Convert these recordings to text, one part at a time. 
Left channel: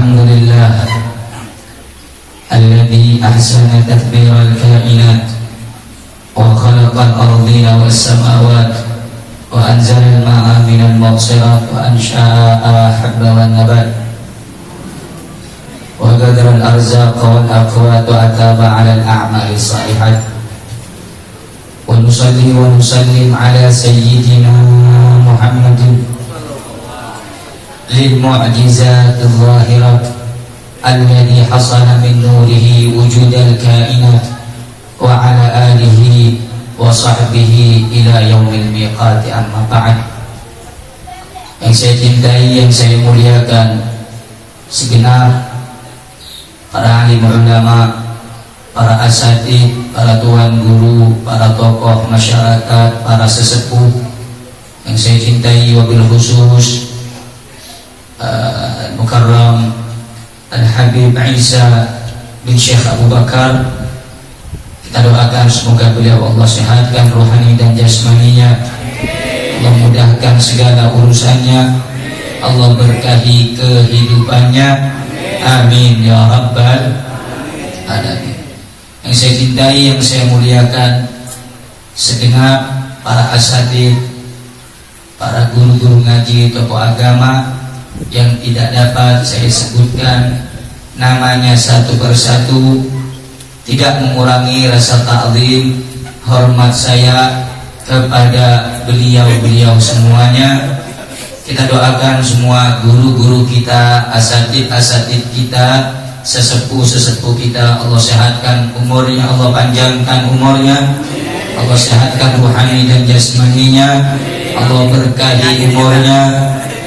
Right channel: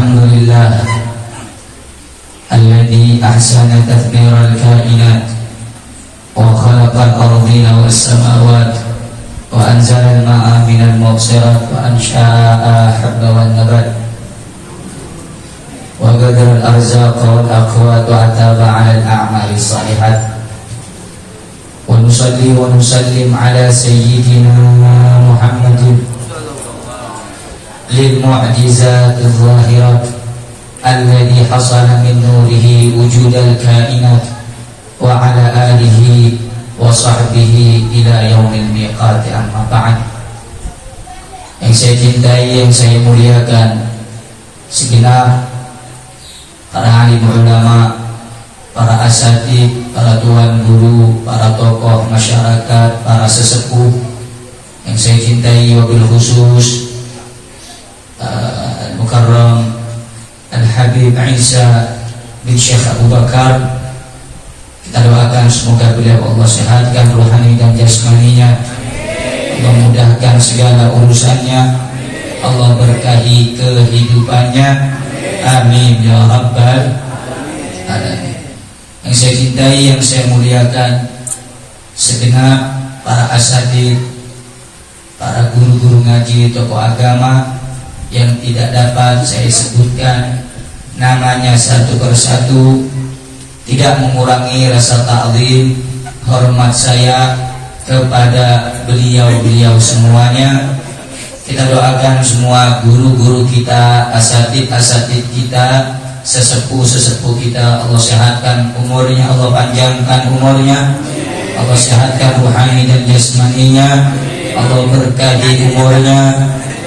الحمد لله الذي أحسن تدبير الكائنات وخلق الأرضين والسماوات وأنزل الماء من المعصرات وأنشأ حب والنبات وقدر الأرزاق والأقوات وأتاب على الأعمال الصالحات ونصلي ونسلم على سيدنا محمد للمعجزات الظاهرات الذي حصل من نوره وجود الكائنات وعلى آله وصحبه إلى يوم الميقات. Amma ba'd. Yang saya cintai, yang saya muliakan, segenap para alim ulama, para asatid, para tuan guru, para tokoh masyarakat, para sesepuh yang saya cintai, wabil khusus Al-Mukarram Al-Habib Isa bin Syekh Abu Bakar. Kita doakan semoga beliau Allah sehatkan rohani dan jasmaninya, Allah mudahkan segala urusannya, Allah berkahi kehidupannya, amin ya rabbal alamin. Yang saya cintai, yang saya muliakan, segenap para asatid, para guru-guru ngaji, tokoh agama yang tidak dapat saya sebutkan namanya satu persatu, tidak mengurangi rasa ta'zim hormat saya kepada beliau-beliau semuanya. Kita doakan semua guru-guru kita, asatid-asatid kita, sesepuh-sesepuh kita, Allah sehatkan umurnya, Allah panjangkan umurnya, Allah sehatkan rohani dan jasmaninya, Allah berkahi umurnya,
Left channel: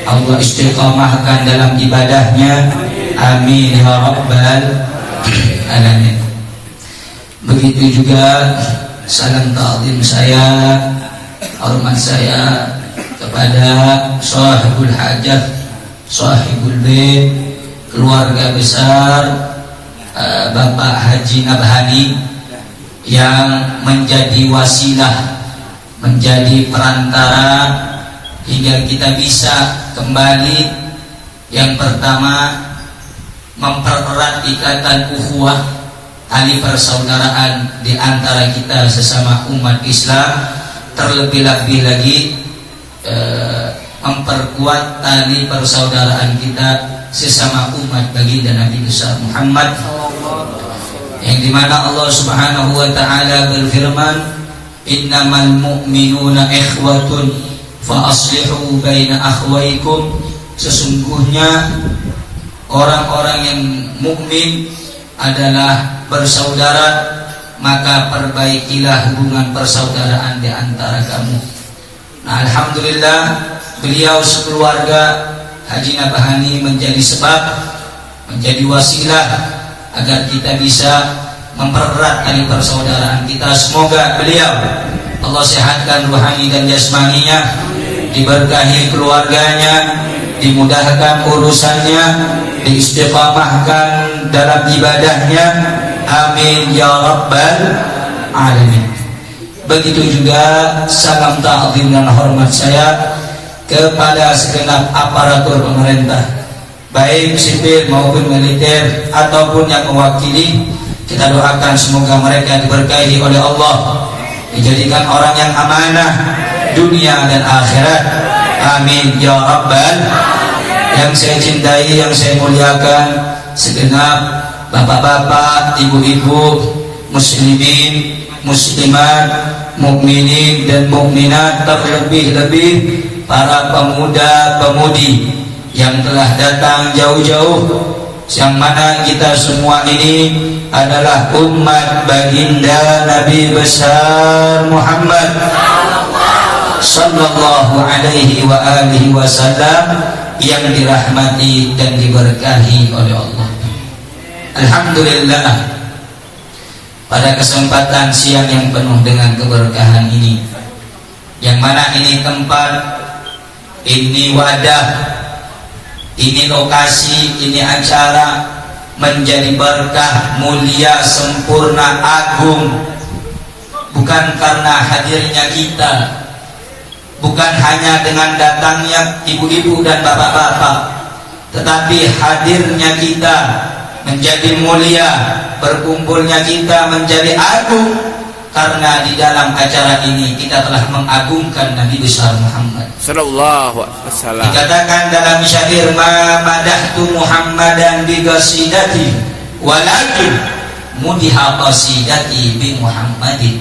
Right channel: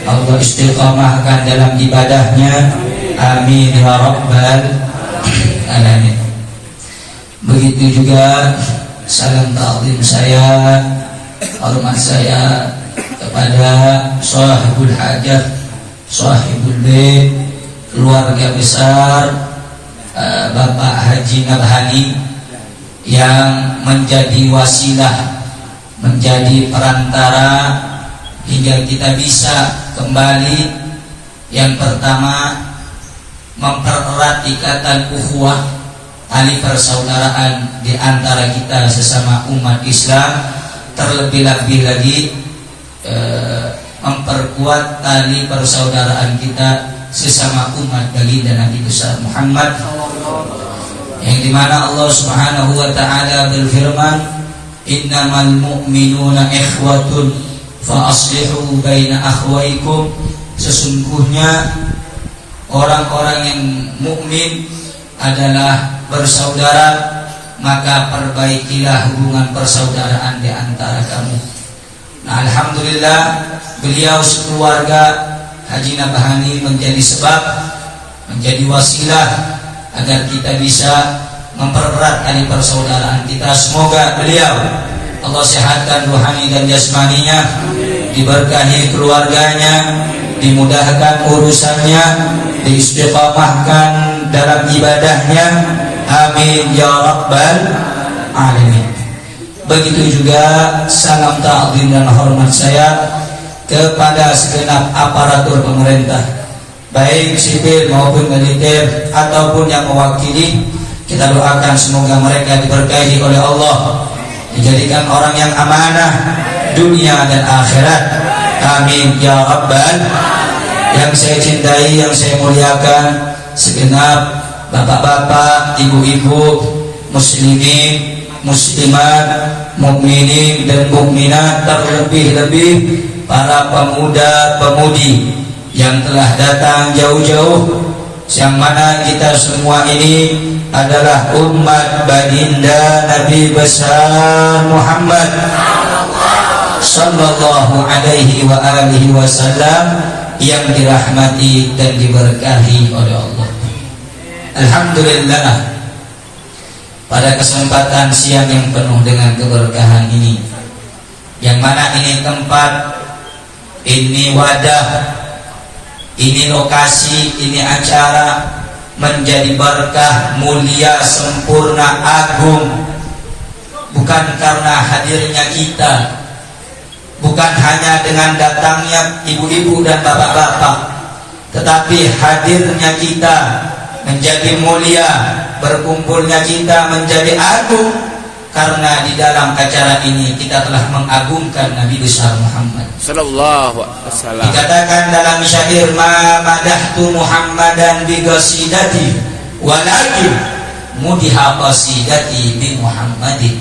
Allah istiqamahkan dalam ibadahnya, amin ya rabbal alamin. Begitu juga salam ta'zim saya, hormat saya kepada sahibul hajah, sahibul bait, keluarga besar Bapak Haji Nabhani yang menjadi wasilah, menjadi perantara hingga kita bisa kembali. Yang pertama, mempererat ikatan ukhuwah, tali persaudaraan di antara kita sesama umat Islam, terlebih-lebih lagi memperkuat tali persaudaraan kita sesama umat baginda Nabi besar Muhammad, yang dimana Allah Subhanahu wa ta'ala berfirman, innamal mu'minuna ikhwatun fa aslihu baina akhwaikum. Sesungguhnya orang-orang yang mukmin adalah bersaudara, maka perbaikilah hubungan persaudaraan di antara kamu. Nah, alhamdulillah beliau sekeluarga Haji Nabhani menjadi sebab, menjadi wasilah agar kita bisa mempererat tali persaudaraan kita. Semoga beliau Allah sehatkan rohani dan jasmaninya, diberkahi keluarganya, dimudahkan urusannya, diistiqamahkan dalam ibadahnya, amin ya rabbal alamin. Begitu juga salam ta'zim dan hormat saya kepada segenap aparatur pemerintah, baik sipil maupun militer ataupun yang mewakili. Kita doakan semoga mereka diberkahi oleh Allah, dijadikan orang yang amanah dunia dan akhirat, amin ya rabbal. Yang saya cintai, yang saya muliakan, segenap bapak-bapak, ibu-ibu, muslimin, muslimat, mukminin dan mukminat, terlebih-lebih para pemuda-pemudi yang telah datang jauh-jauh, yang mana kita semua ini adalah umat baginda Nabi besar Muhammad sallallahu alaihi wa alihi wasallam, yang dirahmati dan diberkahi oleh Allah. Alhamdulillah, pada kesempatan siang yang penuh dengan keberkahan ini, yang mana ini tempat, ini wadah, ini lokasi, ini acara menjadi berkah, mulia, sempurna, agung, bukan karena hadirnya kita, bukan hanya dengan datangnya ibu-ibu dan bapak-bapak, tetapi hadirnya kita menjadi mulia, berkumpulnya kita menjadi agung, karena di dalam acara ini kita telah mengagungkan Nabi besar Muhammad sallallahu alaihi wasallam. Dikatakan dalam syair, ma madahtu Muhammadan bi qasidati walakin mudiha qasidati bi Muhammadin.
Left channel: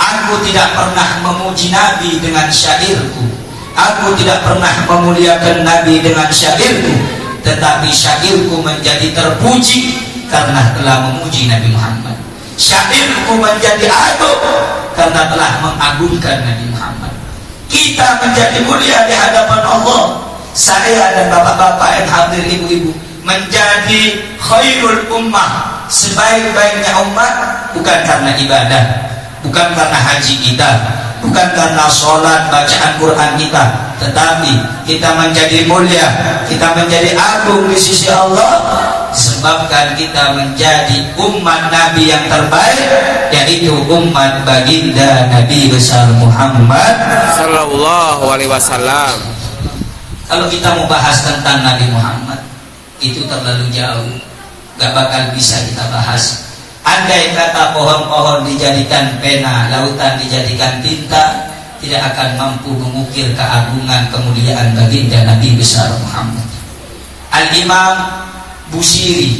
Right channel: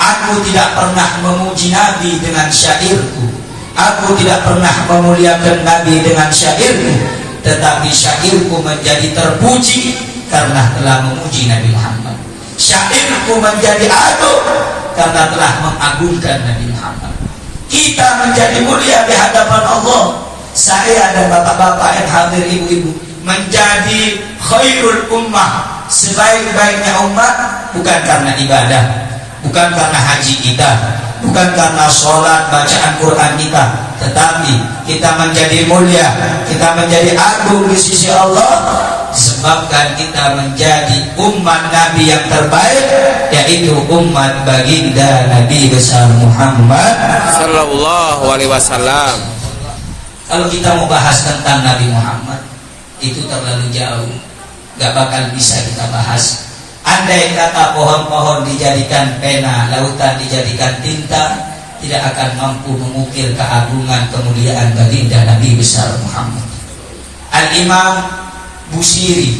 Aku tidak pernah memuji Nabi dengan syairku, aku tidak pernah memuliakan Nabi dengan syairku, tetapi syairku menjadi terpuji karena telah memuji Nabi Muhammad. Syairku menjadi agung karena telah mengagungkan Nabi Muhammad. Kita menjadi mulia di hadapan Allah. Saya dan bapak-bapak yang hadir, ibu-ibu, menjadi khairul ummah, sebaik-baiknya umat, bukan karena ibadah, bukan karena haji kita, bukan karena sholat bacaan Quran kita, tetapi kita menjadi mulia, kita menjadi agung di sisi Allah disebabkan kita menjadi umat Nabi yang terbaik, yaitu umat baginda Nabi besar Muhammad sallallahu alaihi wasallam. Kalau kita mau bahas tentang Nabi Muhammad, itu terlalu jauh, gak bakal bisa kita bahas. Andai kata pohon-pohon dijadikan pena, lautan dijadikan tinta, tidak akan mampu mengukir keagungan kemuliaan baginda Nabi besar Muhammad. Al-Imam Busiri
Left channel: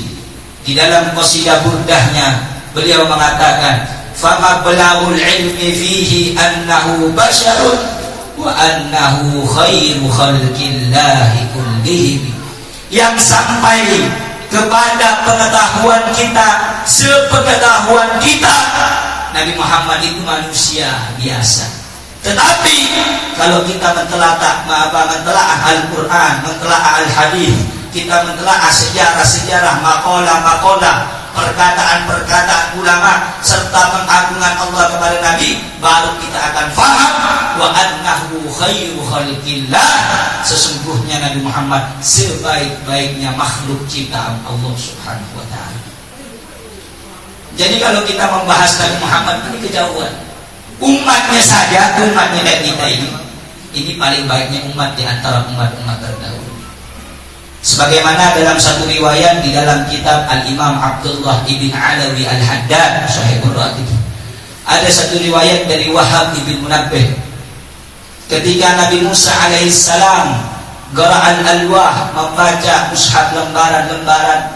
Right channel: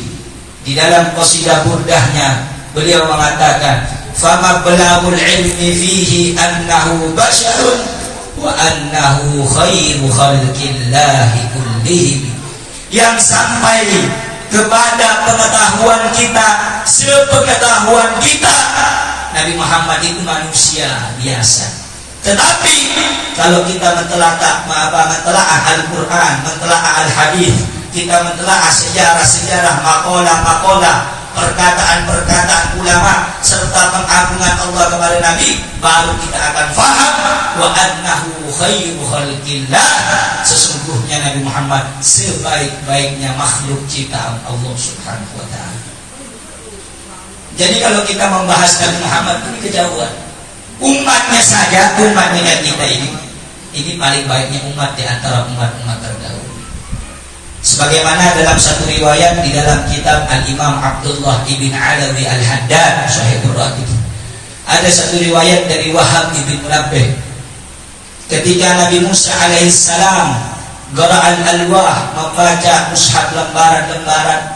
di dalam qasidah burdahnya, beliau mengatakan, fama belaul ilmi fihi annahu basyarun wa annahu khairu khalqillahi kullihim. Yang sampai kepada pengetahuan kita, sepengetahuan kita, Nabi Muhammad itu manusia biasa. Tetapi kalau kita mentelaah Al-Quran, mentelaah Al-Hadis, kita mentelaah sejarah-sejarah, maqalah-maqalah, perkataan-perkataan ulama, serta pengagungan Allah kepada Nabi, baru kita akan faham wa annahu khairu khalqillah, sesungguhnya Nabi Muhammad sebaik-baiknya makhluk ciptaan Allah Subhanahu wa taala. Jadi kalau kita membahas Nabi Muhammad ini kejauhan. Umatnya saja, umatnya kita ini paling baiknya umat di antara umat-umat terdahulu. Sebagaimana dalam satu riwayat di dalam kitab Al-Imam Abdullah ibn Alawi Al-Haddad Syahibur Ratib, ada satu riwayat dari Wahab ibn Munabbih, ketika Nabi Musa alaihissalam Gara'al alwah, membaca mushaf lembaran-lembaran,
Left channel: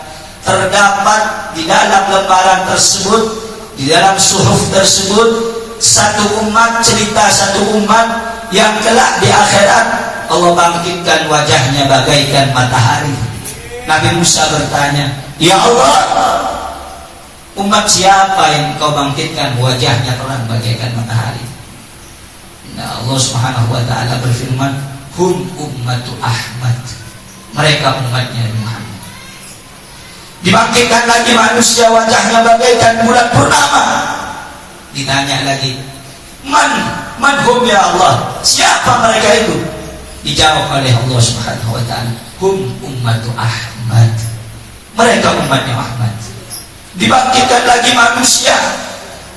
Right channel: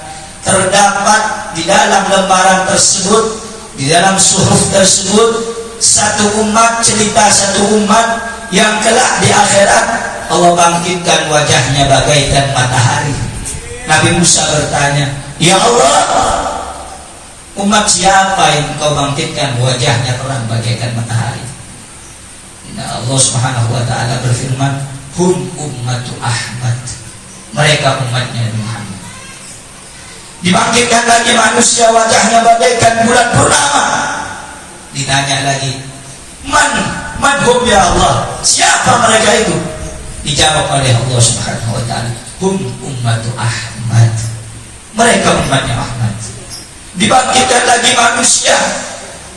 terdapat di dalam lembaran tersebut, di dalam suhuf tersebut, satu umat, cerita satu umat yang kelak di akhirat Allah bangkitkan wajahnya bagaikan matahari. Nabi Musa bertanya, ya Allah, umat siapa yang kau bangkitkan wajahnya terang bagaikan matahari? Nah, Allah Subhanahu wa taala berfirman, hum ummatu Ahmad, mereka umatnya Muhammad. Dibangkitkan lagi manusia wajahnya bagaikan bulan purnama. Ditanya lagi, man hum ya Allah, siapa mereka itu? Dijawab oleh Allah Subhanahu wa taala, hum ummatu Ahmad, mereka umatnya Ahmad. Dibangkitkan lagi manusia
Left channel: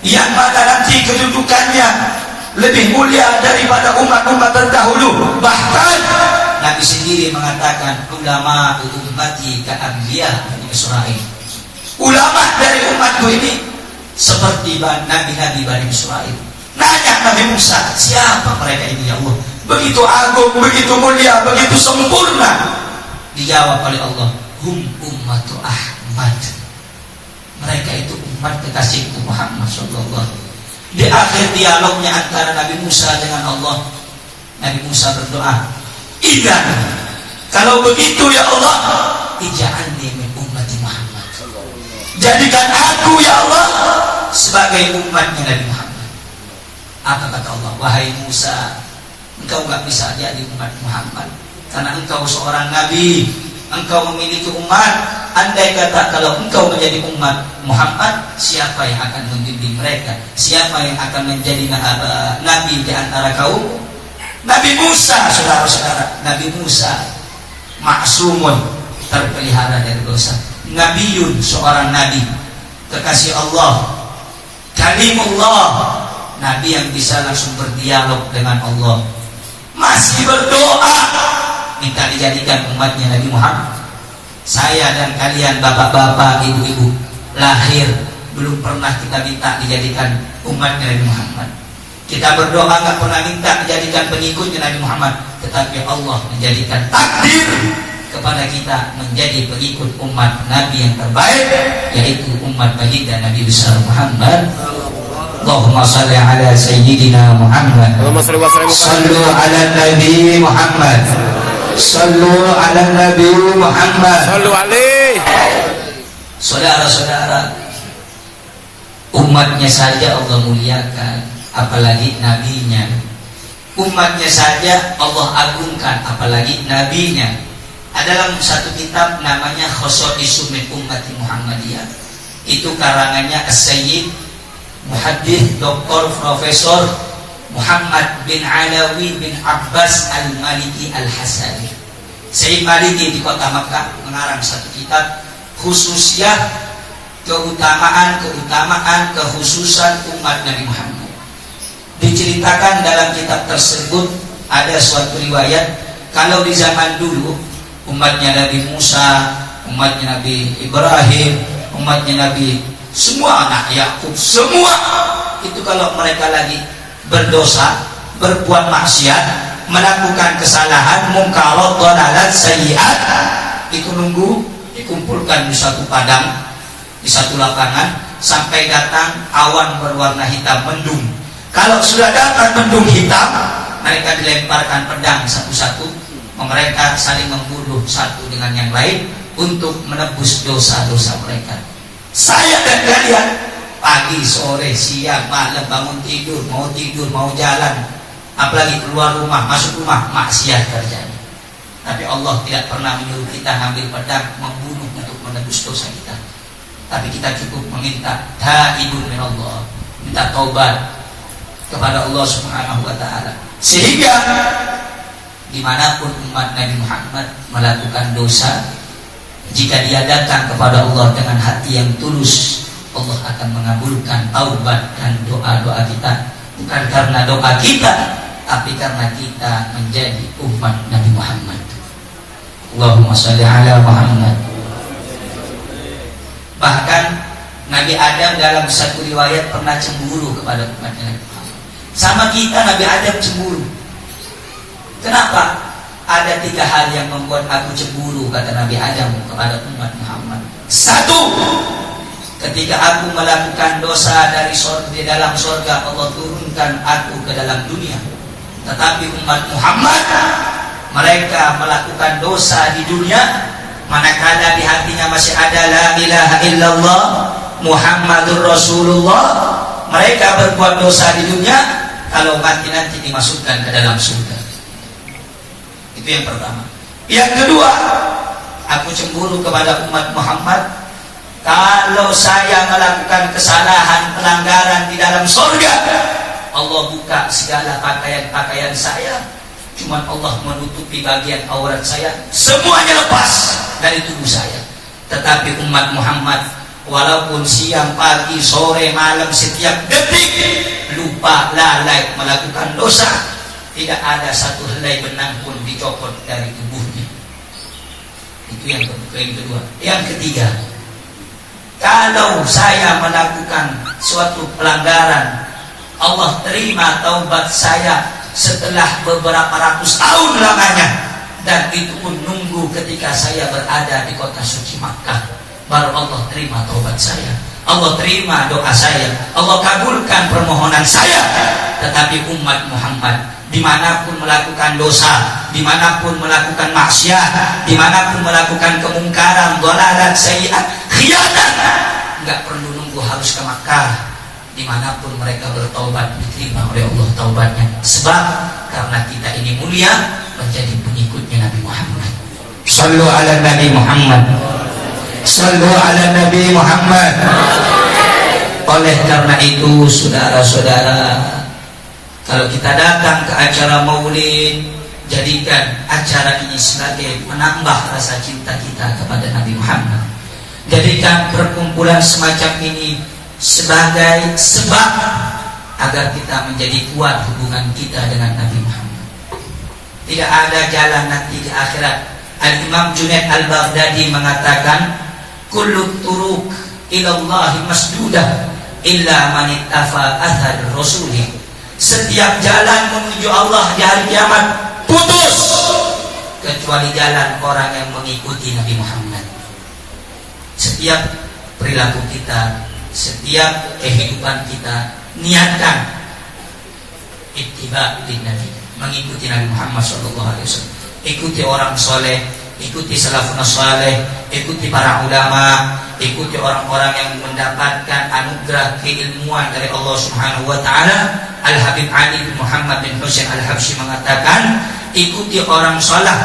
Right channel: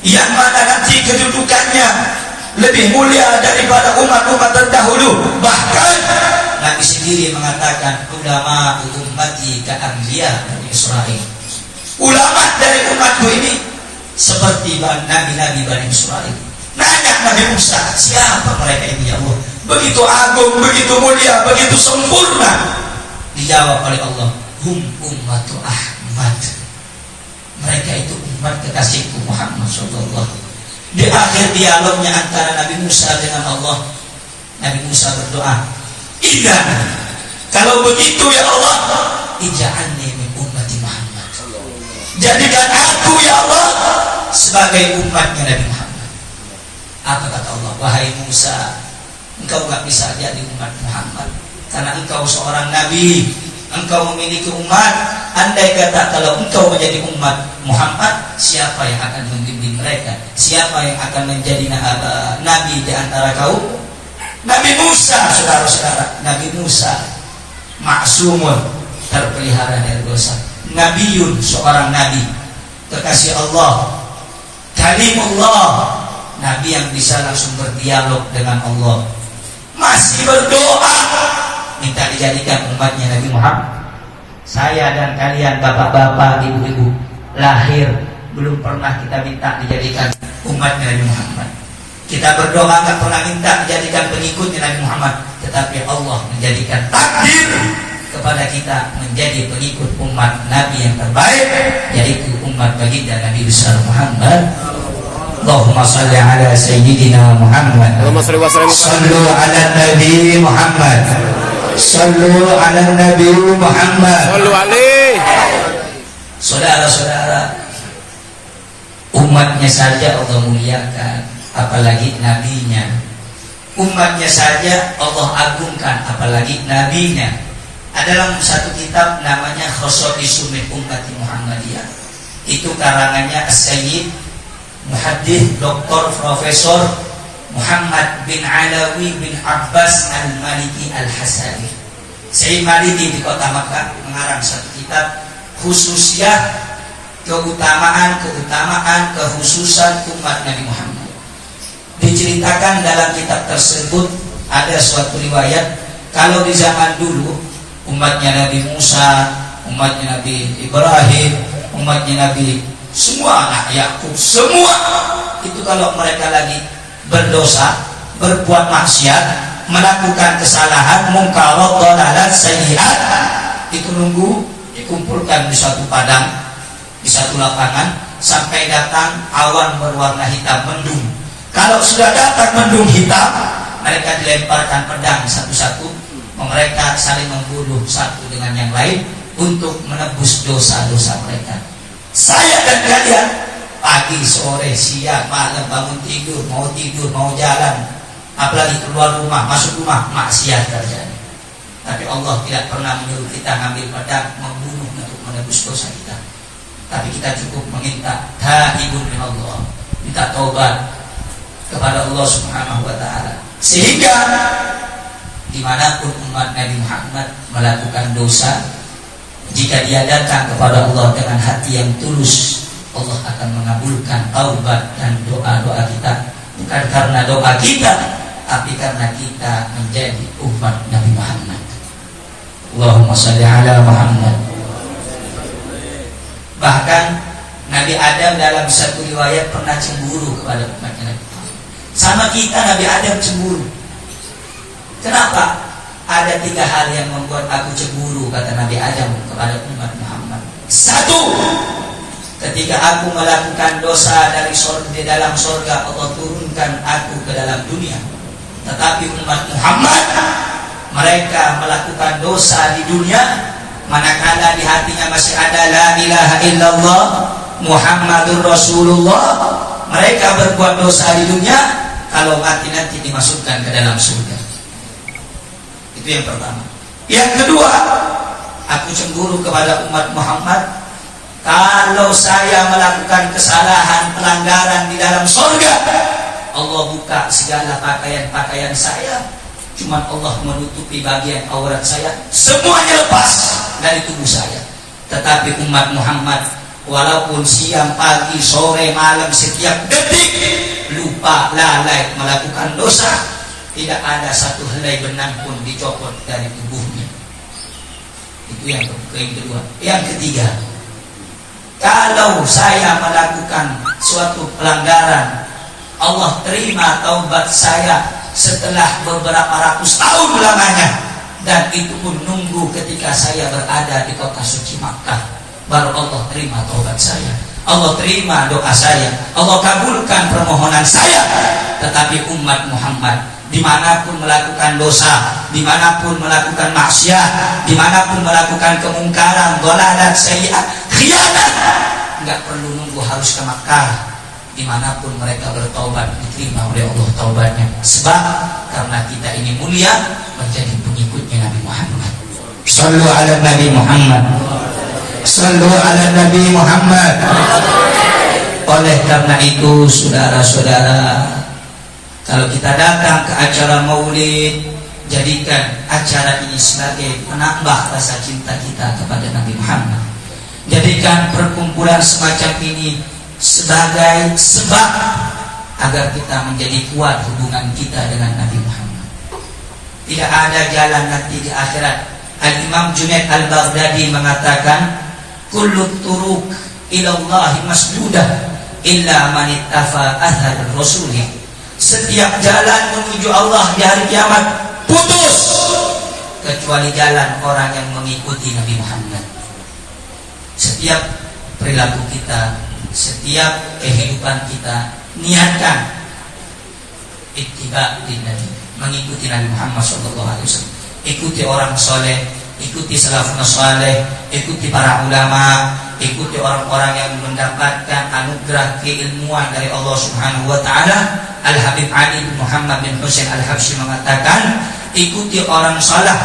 yang mana nanti kedudukannya lebih mulia daripada umat-umat terdahulu. Bahkan Nabi sendiri mengatakan, ulama ummati ka anbiya Israil, ulama dari umatku ini seperti nabi-nabi Bani Israil. Nanya Nabi Musa, siapa mereka ini ya Allah? Begitu agung, begitu mulia, begitu sempurna. Dijawab oleh Allah, hum ummatu Ahmad, mereka itu umat kekasihku Muhammad sallallahu. Di akhir dialognya antara Nabi Musa dengan Allah, Nabi Musa berdoa, idzan, kalau begitu ya Allah, ij'alni min ummati Muhammad, jadikan aku ya Allah sebagai umatnya Nabi Muhammad. Apa kata Allah? Wahai Musa, engkau gak bisa jadi umat Muhammad karena engkau seorang nabi, engkau memiliki umat. Andai kata kalau engkau menjadi umat Muhammad, siapa yang akan membimbing mereka? Siapa yang akan menjadi nabi di antara kaum? Nabi Musa, saudara-saudara, Nabi Musa maksumun, terpelihara dari dosa. Nabiun, seorang nabi, kekasih Allah, kalimullah, nabi yang bisa langsung berdialog dengan Allah, masih berdoa minta dijawab dijadikan umatnya Nabi Muhammad. Saya dan kalian bapak-bapak, ibu-ibu, lahir belum pernah kita minta dijadikan umatnya Nabi Muhammad. Kita berdoa nggak pernah minta dijadikan pengikutnya Nabi Muhammad, tetapi Allah menjadikan takdir kepada kita menjadi pengikut umat Nabi yang terbaik, yaitu umat baginda Nabi besar Muhammad. Allahumma salli ala sayyidina Muhammad. Allahumma salli wa sallim. Sallu ala Nabi Muhammad. Sallu ala Nabi Muhammad. Sallu alaihi. Saudara-saudara, umatnya saja Allah muliakan, apalagi nabinya. Umatnya saja Allah agungkan, apalagi nabinya. Ada dalam satu kitab namanya Khosaisu min Ummati Muhammadiyah. Itu karangannya As-Sayyid Muhaddits Dr. Profesor Muhammad bin Alawi bin Abbas Al-Maliki Al-Hasani. Sayyid Maliki di kota Makkah mengarang satu kitab khususnya keutamaan kekhususan umat Nabi Muhammad. Diceritakan dalam kitab tersebut ada suatu riwayat kalau di zaman dulu umatnya Nabi Musa, umatnya Nabi Ibrahim, umatnya Nabi semua anak Yakub, semua itu kalau mereka lagi berdosa, berbuat maksiat, melakukan kesalahan, munkarat, dhalalat, sayyi'at, itu nunggu dikumpulkan di suatu padang, di satu lapangan sampai datang awan berwarna hitam mendung. Kalau sudah datang mendung hitam, mereka dilemparkan pedang satu-satu, mereka saling membunuh satu dengan yang lain untuk menebus dosa-dosa mereka. Saya dan kalian pagi, sore, siang, malam bangun tidur, mau jalan, apalagi keluar rumah, masuk rumah, maksiat kerjanya. Tapi Allah tidak pernah menyuruh kita ngambil pedang membunuh untuk menebus dosa kita. Tapi kita cukup meminta taibun min Allah, minta taubat kepada Allah Subhanahu wa taala. Sehingga dimanapun umat Nabi Muhammad melakukan dosa, jika dia datang kepada Allah dengan hati yang tulus, Allah akan mengabulkan taubat dan doa-doa kita. Bukan karena doa kita, tapi karena kita menjadi umat Nabi Muhammad. Allahumma salli ala Muhammad. Bahkan Nabi Adam dalam satu riwayat pernah cemburu kepada umatnya Nabi Muhammad. Sama kita Nabi Adam cemburu. Kenapa? Ada 3 hal yang membuat aku cemburu, kata Nabi Adam kepada umat Muhammad. 1, ketika aku melakukan dosa di dalam surga, Allah turunkan aku ke dalam dunia. Tetapi umat Muhammad, mereka melakukan dosa di dunia, manakala di hatinya masih ada la ilaha illallah Muhammadur Rasulullah, mereka berbuat dosa di dunia, kalau mati nanti dimasukkan ke dalam surga. Itu yang pertama. Yang kedua, aku cemburu kepada umat Muhammad, kalau saya melakukan kesalahan, pelanggaran di dalam surga, Allah buka segala pakaian-pakaian saya, cuma Allah menutupi bagian aurat saya, semuanya lepas dari tubuh saya. Tetapi umat Muhammad, walaupun siang, pagi, sore, malam, setiap detik lupa, lalai melakukan dosa, tidak ada satu helai benang pun dicopot dari tubuhnya. Itu yang kedua. Yang ketiga, kalau saya melakukan suatu pelanggaran, Allah terima taubat saya setelah beberapa ratus tahun lamanya, dan itu pun nunggu ketika saya berada di kota suci Makkah, baru Allah terima taubat saya, Allah terima doa saya, Allah kabulkan permohonan saya. Tetapi umat Muhammad dimanapun melakukan dosa, dimanapun melakukan maksiat, dimanapun melakukan kemungkaran, dhalalat, sayyi'at, khianat, nggak perlu nunggu harus ke Makkah. Dimanapun mereka bertaubat, diterima oleh Allah taubatnya. Sebab karena kita ini mulia, menjadi pengikutnya Nabi Muhammad. Sallu ala Nabi Muhammad. Sallu ala Nabi Muhammad. Oleh karena itu, saudara-saudara, kalau kita datang ke acara maulid, jadikan acara ini sebagai menambah rasa cinta kita kepada Nabi Muhammad. Jadikan perkumpulan semacam ini sebagai sebab agar kita menjadi kuat hubungan kita dengan Nabi Muhammad. Tidak ada jalan nanti di akhirat Al-Imam Junaid Al-Baghdadi mengatakan, kullu turuq ilallahi masdudah illa man ittafa athar rasuli. Setiap jalan menuju Allah di hari kiamat putus kecuali jalan orang yang mengikuti Nabi Muhammad. Setiap perilaku kita, setiap kehidupan kita, niatkan ittiba din Nabi, mengikuti Nabi Muhammad SAW. Ikuti orang soleh, ikuti salafun saleh, ikuti para ulama, ikuti orang-orang yang mendapatkan anugerah keilmuan dari Allah Subhanahu wa taala. Al-Habib Ali bin Muhammad bin Husain Al-Habsyi mengatakan, ikuti orang saleh,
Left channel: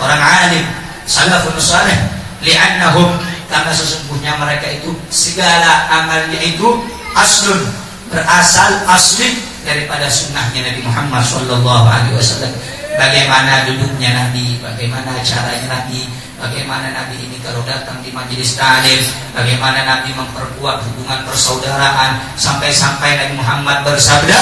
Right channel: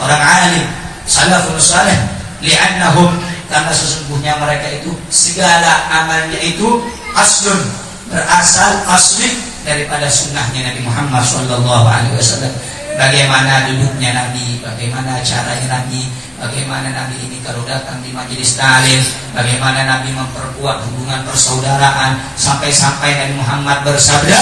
orang alim, salafun saleh, li'annahum, karena sesungguhnya mereka itu segala amalnya itu aslun, berasal asli daripada sunnahnya Nabi Muhammad sallallahu alaihi wasallam. Bagaimana duduknya Nabi, bagaimana caranya Nabi, bagaimana Nabi ini kalau datang di majelis ta'lim, bagaimana Nabi memperkuat hubungan persaudaraan, sampai-sampai Nabi Muhammad bersabda,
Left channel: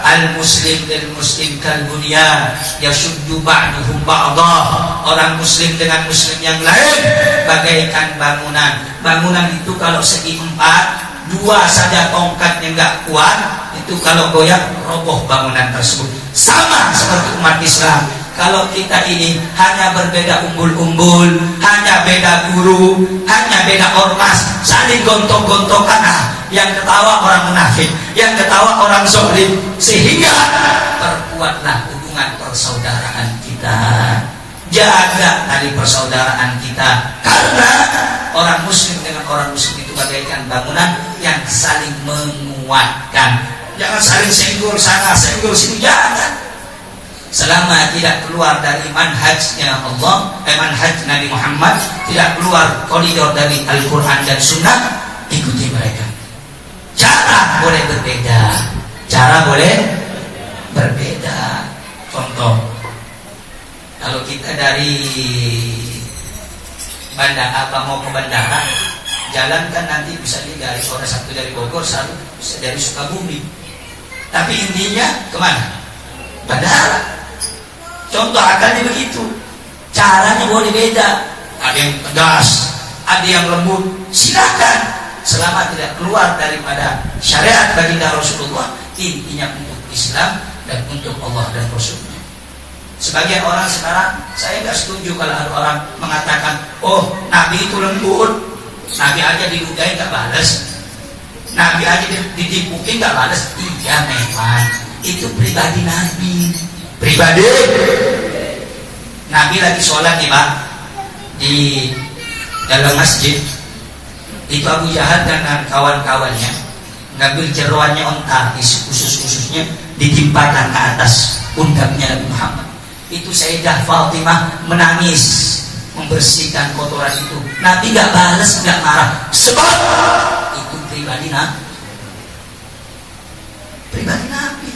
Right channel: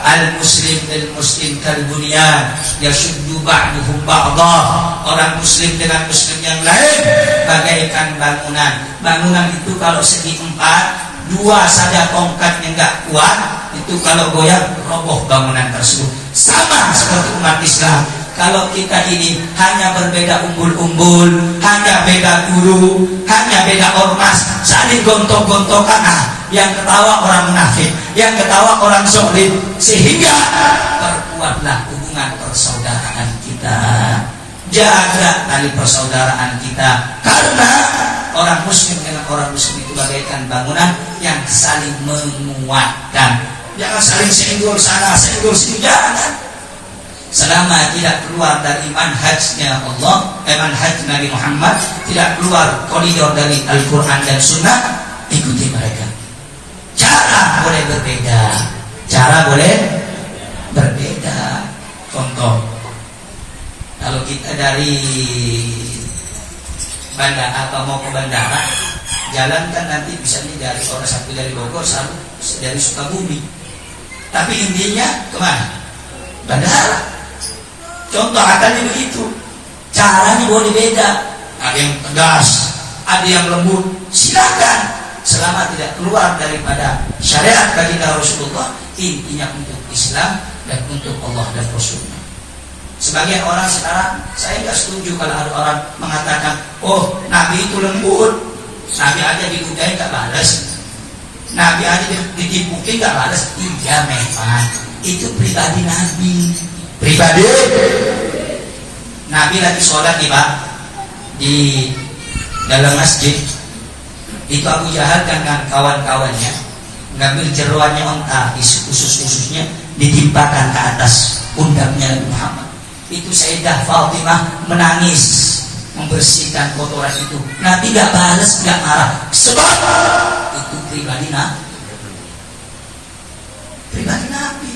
al-muslim bil muslim kal bunyan yashuddu ba'duhum ba'dah. Orang muslim dengan muslim yang lain bagaikan bangunan. Bangunan itu kalau segi empat, dua saja tongkatnya nggak kuat, itu kalau goyang roboh bangunan tersebut. Sama seperti umat Islam, kalau kita ini hanya berbeda umbul-umbul, hanya beda guru, hanya beda ormas, saling gontok-gontokan, yang ketawa orang munafik, yang ketawa orang zalim, sehingga terkuatlah hubungan persaudaraan kita. Jaga tali persaudaraan kita, karena orang muslim dengan orang muslim itu bagaikan bangunan yang saling menguatkan. Jangan saling senggol sana, senggol sini, jangan. Selama tidak keluar dari manhajnya Allah, manhaj Nabi Muhammad, tidak keluar koridor dari Al-Quran dan Sunnah, ikuti mereka. Cara boleh berbeda, cara boleh berbeda. Contoh, kalau kita dari bandara mau ke bandara, jalan kan nanti bisa dari orang satu dari Bogor, satu dari Sukabumi. Tapi intinya kemana? Bandara. Contoh katanya begitu. Caranya boleh beda. Ada yang tegas, ada yang lembut. Silakan, selama tidak keluar daripada syariat baginda Rasulullah. Intinya untuk Islam dan untuk Allah dan Rasulnya. Sebagai orang sekarang, saya nggak setuju kalau ada orang mengatakan, oh Nabi itu lembut, Nabi aja diludahi nggak balas, Nabi aja ditipuki nggak balas. Iya memang itu pribadi Nabi, pribadi Nabi lagi sholat nih Pak di dalam masjid, itu Abu Jahal dengan kawan-kawannya ngambil jeroannya onta, khusus-khususnya ditimpakan ke atas pundaknya Nabi Muhammad. Itu Sayyidah Fatimah menangis membersihkan kotoran itu. Nabi gak balas, gak marah, sebab itu pribadi Nabi, pribadi Nabi.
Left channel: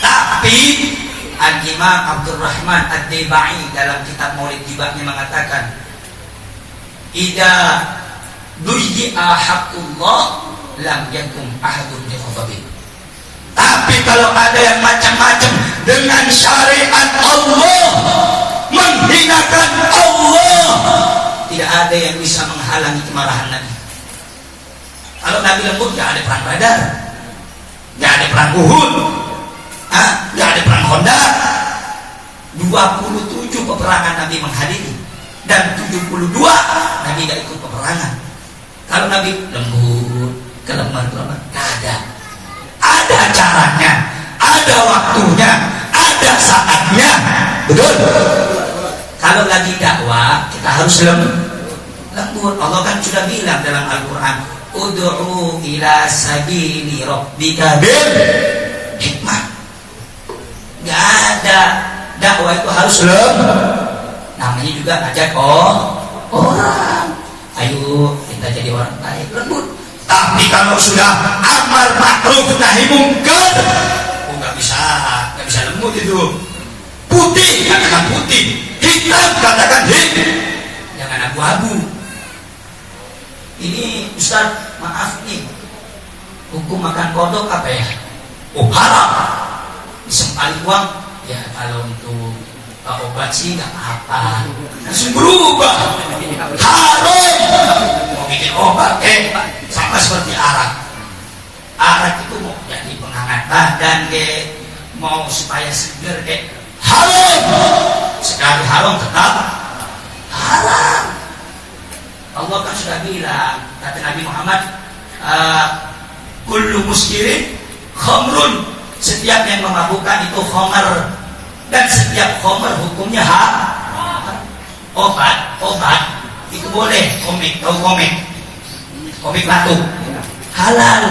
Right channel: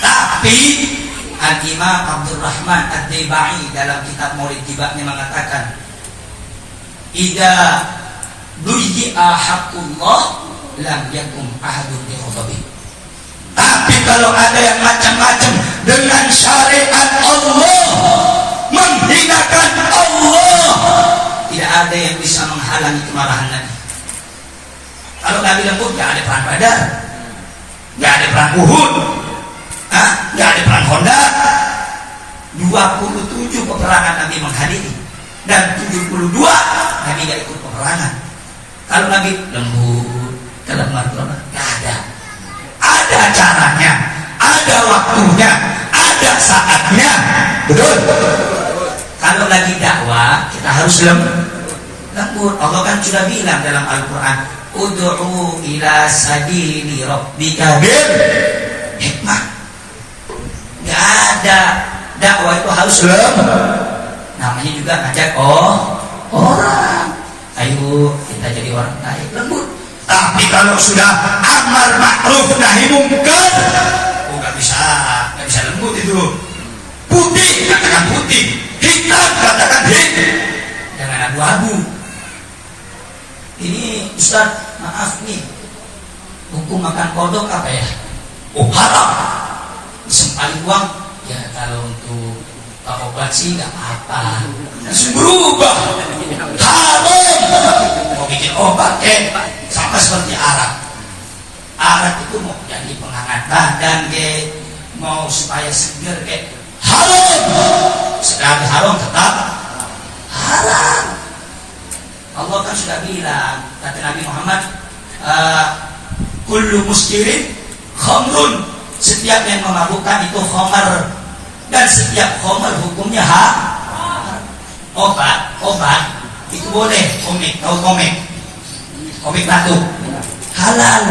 Tapi Al-Imam Abdurrahman Ad-Dibai dalam kitab Maulid Tibaknya mengatakan, idza duyi'a haqqullah lam yakum ahadun bi ghadabi. Tapi kalau ada yang macam-macam dengan syariat Allah, menghinakan Allah, tidak ada yang bisa menghalangi kemarahan Nabi. Kalau Nabi lembut, gak ada perang Badar, gak ada perang Uhud, gak ada perang Honda. 27 peperangan Nabi menghadiri, dan 72 Nabi gak ikut peperangan. Kalau Nabi lembut, kelemar-kelemar, gak ada. Ada caranya, ada waktunya, ada saatnya. Betul? Kalau lagi dakwah, kita harus lembut. Allah kan sudah bilang dalam Al-Quran, ud'u ila sabili rabbika bil hikmah. Gak ada, dakwah itu harus lembut. Namanya juga ngajak orang. Ayo kita jadi orang baik, lembut. Tapi kalau sudah amar ma'ruf nahi mungkar, nggak bisa lembut itu. Putih katakan putih, hitam katakan hitam, jangan abu-abu. Ini Ustaz, maaf nih, hukum makan kodok apa ya? Oh haram. Disempali uang ya. Kalau untuk obat sih nggak apa, langsung berubah. Haram. Mau bikin obat, sama seperti arak. Arak itu mau jadi penghangat badan, mau supaya seger, haram. Sekali haram tetap haram. Allah kan sudah bilang, kata Nabi Muhammad, kullu muskirin khamrun, setiap yang memabukkan itu khamar, dan setiap khamar hukumnya haram. Obat itu boleh, komik batu halal,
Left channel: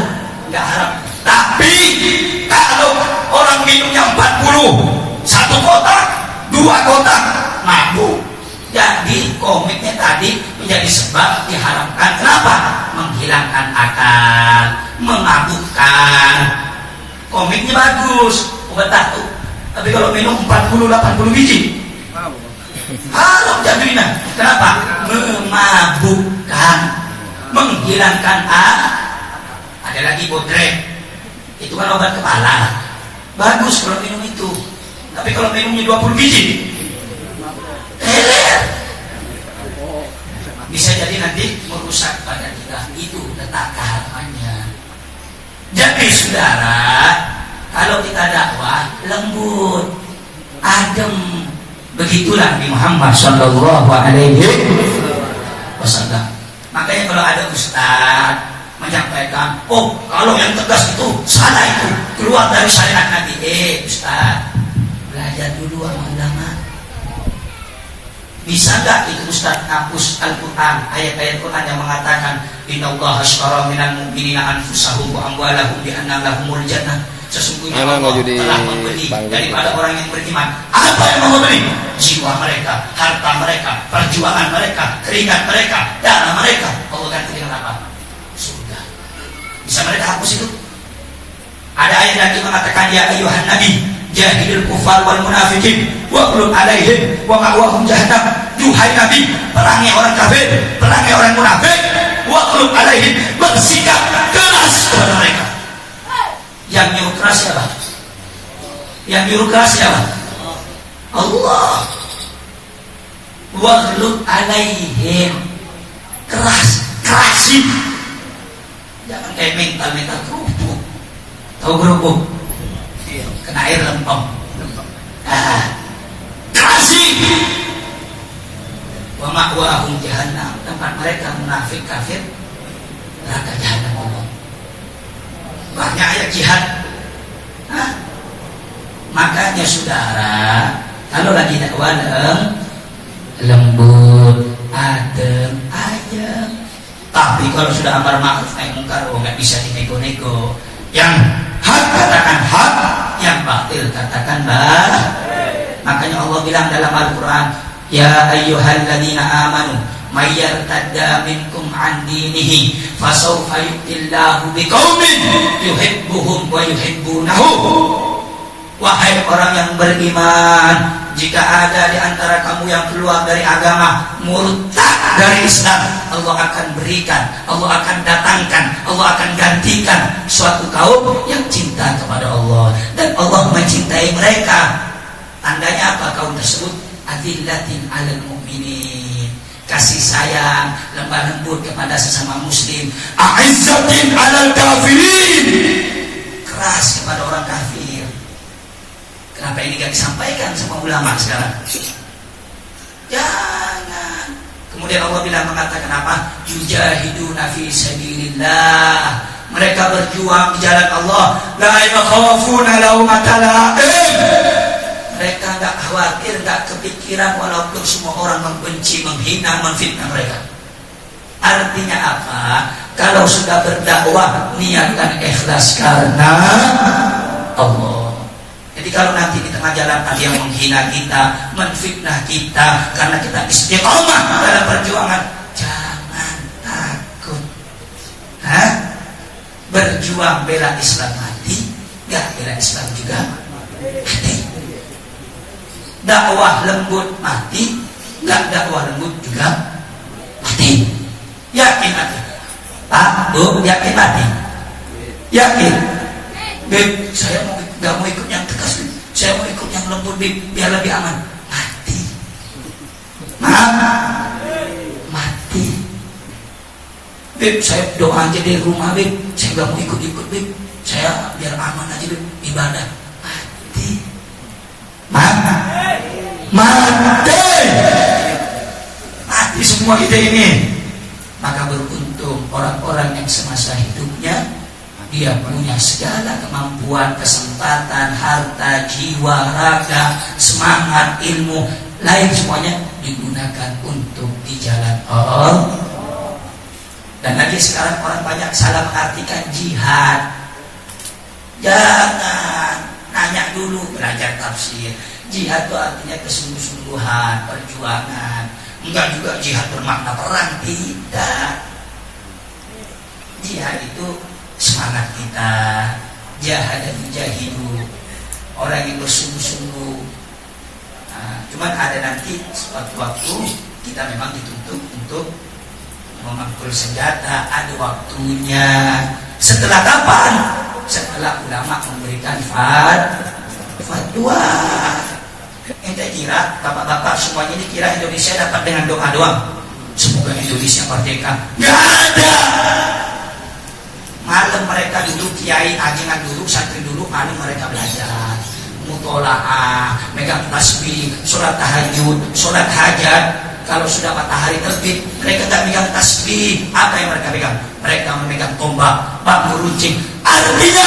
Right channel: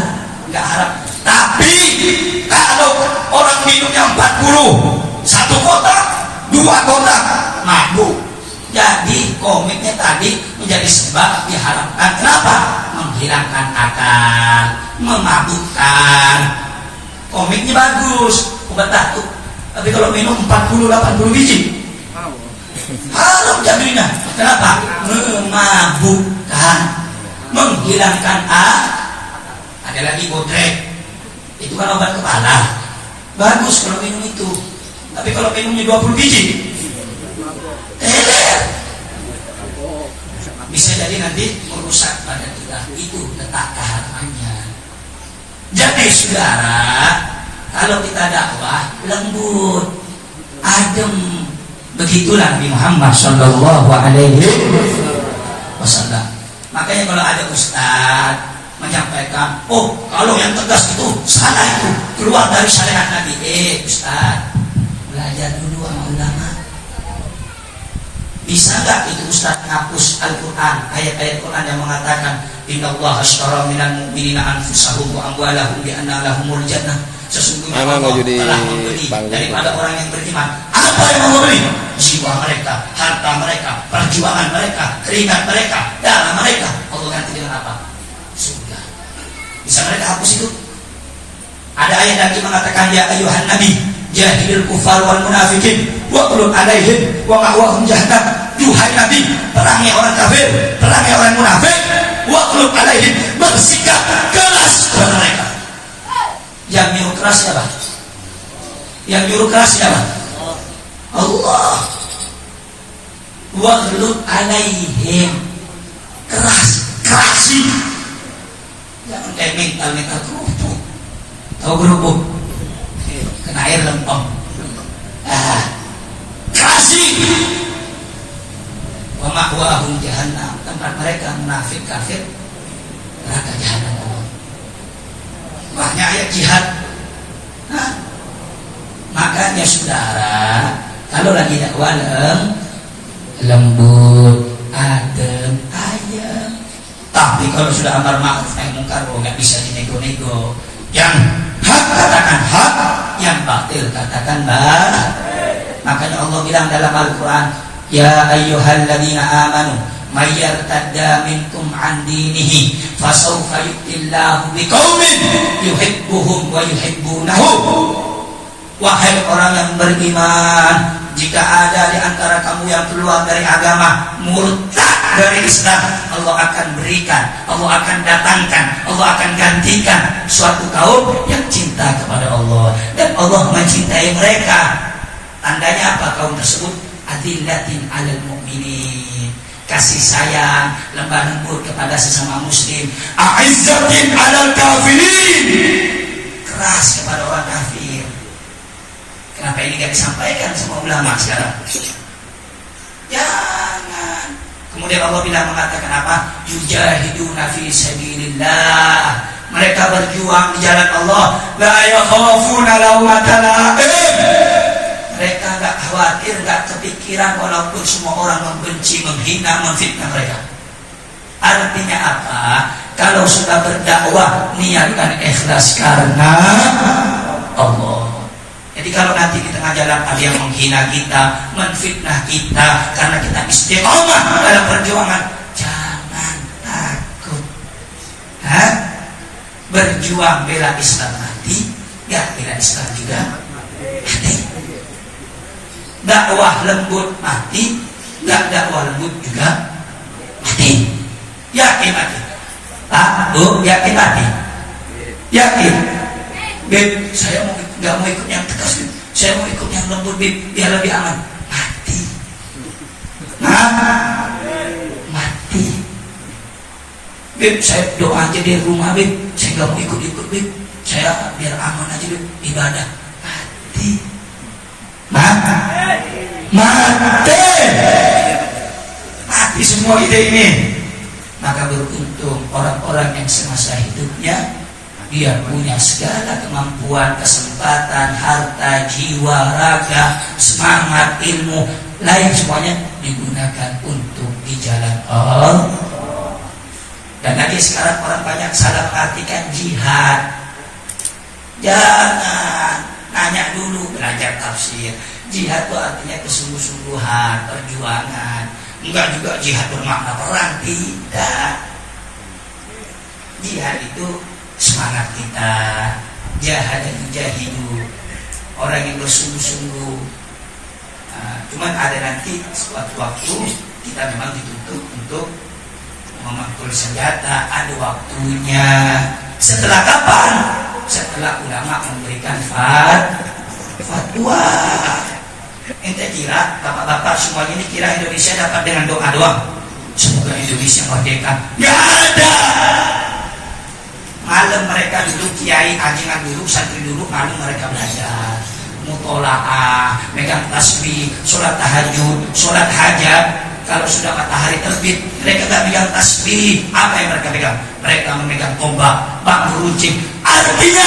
nggak haram. Tapi kalau orang minumnya 40, 1 kotak, 2 kotak, mabuk. Jadi komiknya tadi menjadi sebab diharamkan. Kenapa? Menghilangkan akal, memabukkan. Komiknya bagus, obat batuk. Tapi kalau minum 40-80 biji, haram jadinya. Kenapa? Memabukkan, menghilangkan Ada lagi bodrek, itu kan obat kepala, bagus kalau minum itu. Tapi kalau minumnya 20 biji, bisa jadi nanti merusak badan kita. Itu letak harapannya. Jadi saudara, kalau kita dakwah lembut, adem, begitulah Nabi Muhammad Sallallahu Alaihi Wasallam. Makanya kalau ada ustaz menyampaikan, kalau yang tegas itu salah, itu keluar dari syariat Nabi. Ustaz, belajar dulu sama ulama. Bisa nggak itu Ustaz ngapus Al-Quran, ayat-ayat Quran yang mengatakan innallaha ashtara minal mu'minina anfusahum wa amwalahum bi anna lahumul jannah. Sesungguhnya Allah telah membeli daripada orang yang beriman. Apa yang mau membeli? Jiwa mereka, harta mereka, perjuangan mereka, keringat mereka, darah mereka. Allah ganti dengan apa? Sudah. Bisa mereka hapus itu? Ada ayat lagi mengatakan, ya ayyuhan nabi jahidil kufar wal munafikin wa qul alaihim wa ma'wahum jahannam. Duhai Nabi, perangi orang kafir, perangi orang munafik, wa qul alaihim, bersikap keras kepada mereka. Yang nyuruh keras siapa? Yang nyuruh keras siapa? Allah. Wa qul alaihim, kerasin. Jangan kayak mental kerupuk. Tahu kerupuk? Kena air lempem. Kasih. Wa ma'wahum jahannam, tempat mereka munafik kafir neraka jahannam Allah. Banyak ayat jihad. Makanya saudara, kalau lagi dakwah lembut, adem, ayem. Tapi kalau sudah amar ma'ruf nahi munkar, nggak bisa dinego-nego. Yang hak katakan hak, yang batil katakan batil. Makanya Allah bilang dalam Al-Quran, ya ayyuhalladzina amanu may yartadda minkum an dinihi fasawfa yu'tillahu biqaumin yuhibbuhum wa yuhibbunahu. Wahai orang yang beriman, jika ada di antara kamu yang keluar dari agama, murtad dari Islam, Allah akan berikan, Allah akan datangkan, Allah akan gantikan suatu kaum yang cinta kepada Allah, dan Allah mencintai mereka. Tandanya apa kaum tersebut? Adillatin 'alal mu'minin, kasih sayang, lemah lembut kepada sesama muslim. A'izzatin 'alal kafirin, keras kepada orang kafir. Kenapa ini gak disampaikan sama ulama sekarang? Jangan. Kemudian Allah bilang mengatakan apa? Yujahiduna fi sabilillah, mereka berjuang di jalan Allah. La yakhafuna laumata la'im, mereka gak khawatir, gak kepikiran walaupun semua orang membenci, menghina, menfitnah mereka. Artinya apa? Kalau sudah berdakwah, niatkan ikhlas karena Allah. Jadi kalau nanti di tengah jalan ada yang menghina kita, menfitnah kita karena kita istiqomah dalam perjuangan, jangan takut. Berjuang bela Islam mati, gak bela Islam juga mati. Dakwah lembut mati, gak dakwah lembut juga mati. Yakin mati? Yakin mati? Yakin? Saya gak mau ikut yang tegas, saya mau ikut yang lembut biar lebih aman. Mati. Bib, saya doa aja di rumah, Bib. Saya gak mau ikut-ikut, Bib. Saya biar aman aja, Bib, ibadah. Mati semua kita ini. Maka beruntung orang-orang yang semasa hidupnya dia punya segala kemampuan, kesempatan, harta, jiwa, raga, semangat, ilmu, lain semuanya digunakan untuk di jalan Allah. Dan lagi sekarang orang banyak salah mengartikan jihad. Jangan nanya dulu, belajar tafsir. Jihad itu artinya kesungguh-sungguhan, perjuangan. Enggak juga jihad bermakna perang, tidak. Jihad itu semangat kita, jahad dan mujahidu, orang yang bersungguh-sungguh. Cuman ada nanti suatu waktu kita memang dituntut untuk memangkul senjata, ada waktunya. Setelah kapan? Setelah ulama memberikan fatwa. Ente kira, bapak-bapak semuanya ini kira Indonesia dapat dengan doa doang? Semoga Indonesia merdeka. Nggak ada. Malam mereka duduk, kiai ajengan duduk, santri duduk, malam mereka belajar mutolaah, megang tasbih, sholat tahajud, sholat hajat. Kalau sudah matahari terbit, mereka tak megang tasbih. Apa yang mereka pegang? Mereka memegang tombak, bambu runcing. Artinya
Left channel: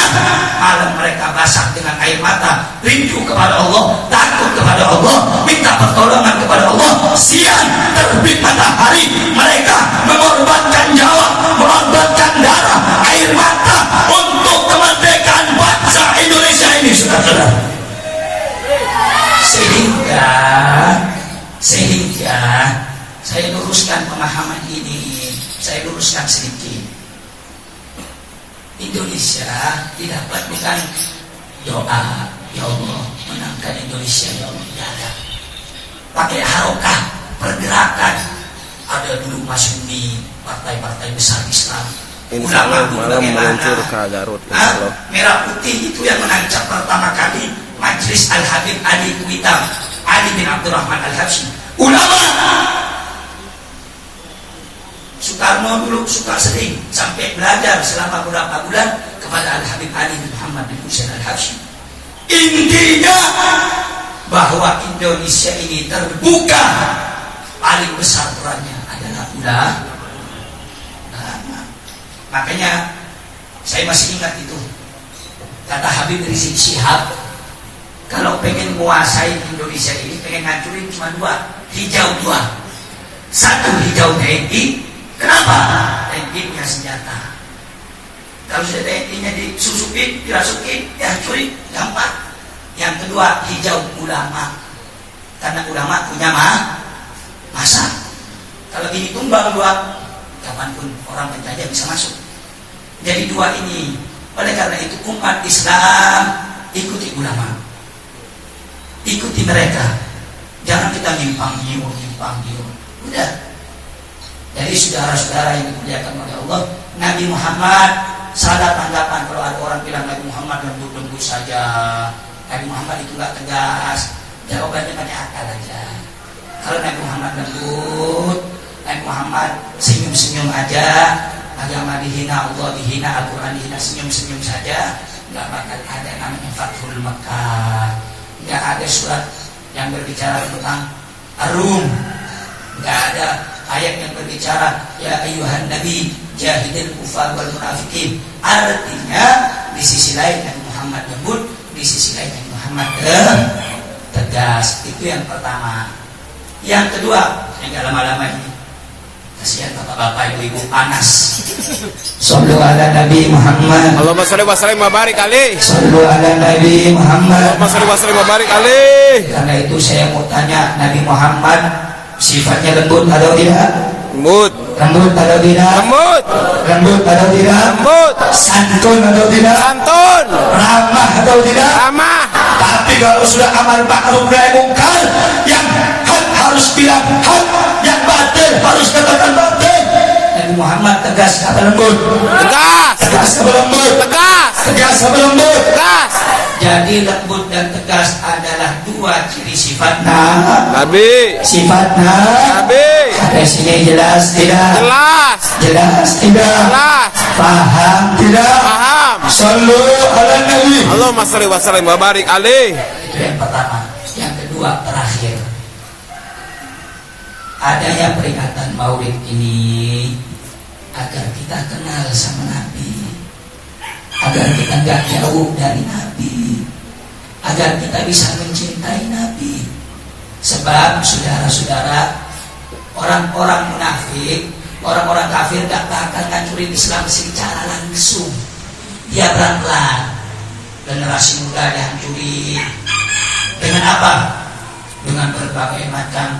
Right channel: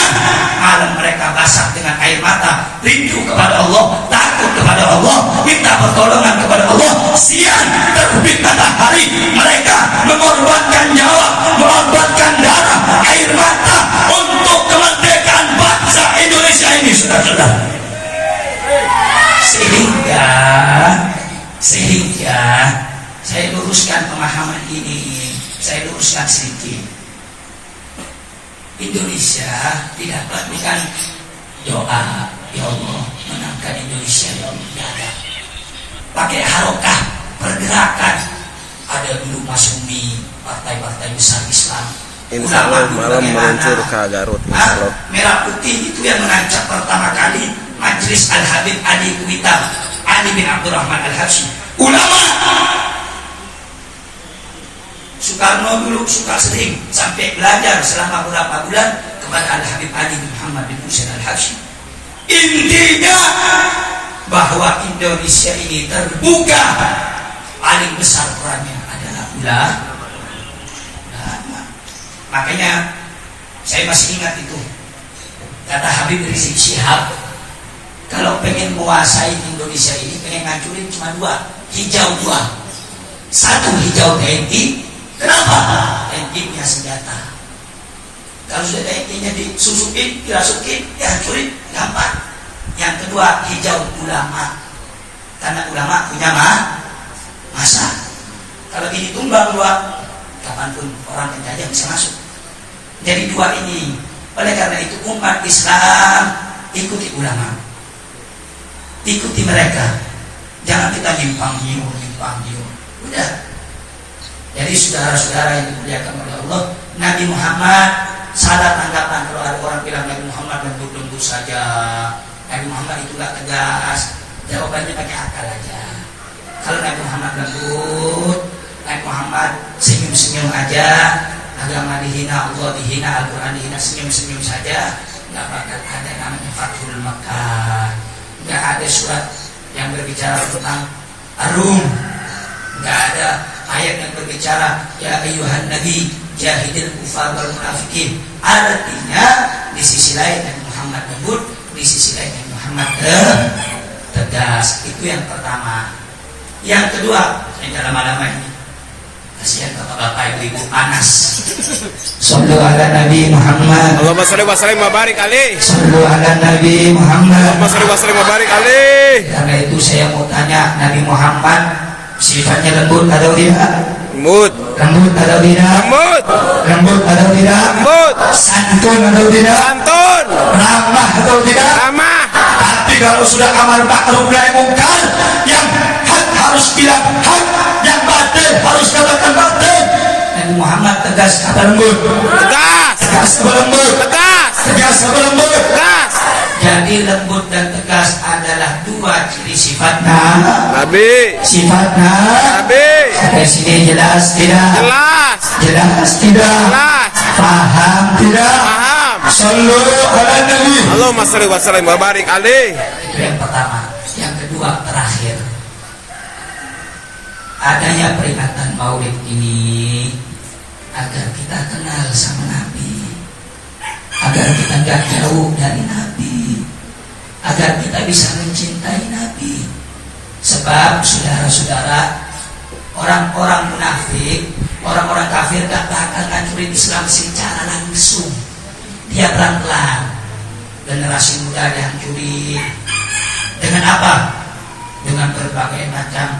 malam mereka basah dengan air mata, rindu kepada Allah, takut kepada Allah, minta pertolongan kepada Allah. Siang terbit matahari, mereka mengorbankan nyawa, mengorbankan darah, air mata untuk kemerdekaan bangsa Indonesia ini, saudara-saudara. Sehingga saya luruskan pemahaman ini, saya luruskan sedikit. Indonesia tidak bukan doa, ya Allah menangkan Indonesia, ya Allah. Pakai harokah, pergerakan. Ada dulu Masumi, partai-partai besar Islam. Insya Allah malam meluncur ke Garut, insya Allah. Merah putih itu yang mengancam pertama kali Majelis Al-Habib Ali Kuitam, Ali bin Abdurrahman Al-Habsyi. Ulama Soekarno dulu suka sering sampai belajar selama beberapa bulan kepada Al-Habib Ali bin Muhammad bin Husain Al-Habsyi. Intinya bahwa Indonesia ini terbuka, paling besar perannya adalah ulama. Makanya saya masih ingat itu kata Habib Rizik Syihab, kalau pengen menguasai Indonesia ini, pengen ngancurin cuma dua, hijau dua. Satu, hijau TNI. Kenapa? TNI punya senjata. Kalau sudah TNI-nya disusupin, dirasukin, dihancurin, gampang. Yang kedua, hijau ulama. Karena ulama punya masa. Kalau ini tumbang dua, kapanpun orang penjajah bisa masuk. Jadi dua ini. Oleh karena itu umat Islam ikuti ulama, ikuti mereka. Jangan kita nyimpang nyiur. Udah. Jadi saudara-saudara yang dimuliakan oleh Allah, Nabi Muhammad salah tanggapan kalau ada orang bilang Nabi Muhammad lembut-lembut saja. Nabi Muhammad itu gak tegas. Jawabannya pakai akal aja. Kalau Nabi Muhammad lembut, Nabi Muhammad senyum-senyum aja, agama dihina, Allah dihina, Al-Quran dihina, senyum-senyum saja, nggak bakal ada yang namanya Fathul Makkah. Nggak ada surat yang berbicara tentang arum, nggak ada ayat yang berbicara ya ayyuhan nabi jahidil kufar wal munafikin. Artinya di sisi lain Nabi Muhammad lembut, di sisi lain Nabi Muhammad tegas. Itu yang pertama. Yang kedua, yang lama-lama ini kasihan bapak-bapak ibu-ibu panas. Sallu ala Nabi Muhammad. Allahumma sholli wa sallim wa barik alaihi. Sallu ala Nabi Muhammad. Allahumma sholli wa sallim wa barik alaihi. Karena itu saya mau tanya, Nabi Muhammad sifatnya lembut atau tidak? Lembut. Lembut atau tidak? Lembut. Lembut atau tidak? Lembut. Santun atau tidak? Santun. Ramah atau tidak? Ramah. Tapi kalau sudah amar ma'ruf nahi munkar, yang hak harus bilang hak, yang batil harus katakan batil. Nabi Muhammad tegas apa lembut? Tegas. Tegas apa lembut? Tegas. Tegas apa lembut? Tegas. Jadi lembut dan tegas adalah dua ciri sifatnya. Nabi. Sifatnya. Sampai sini jelas tidak? Jelas. Jelas tidak? Jelas. Paham tidak? Paham. Sallu ala Nabi. Allahumma shalli wa sallim wa barik alaih. Itu yang pertama. Yang kedua, terakhir, adanya peringatan Maulid ini agar kita kenal sama Nabi, agar kita gak jauh dari Nabi, agar kita bisa mencintai Nabi. Sebab saudara-saudara, orang-orang munafik, orang-orang kafir gak bakal ngancurin Islam secara langsung. Dia pelan-pelan. Generasi muda dihancurin. Dengan apa? Dengan berbagai macam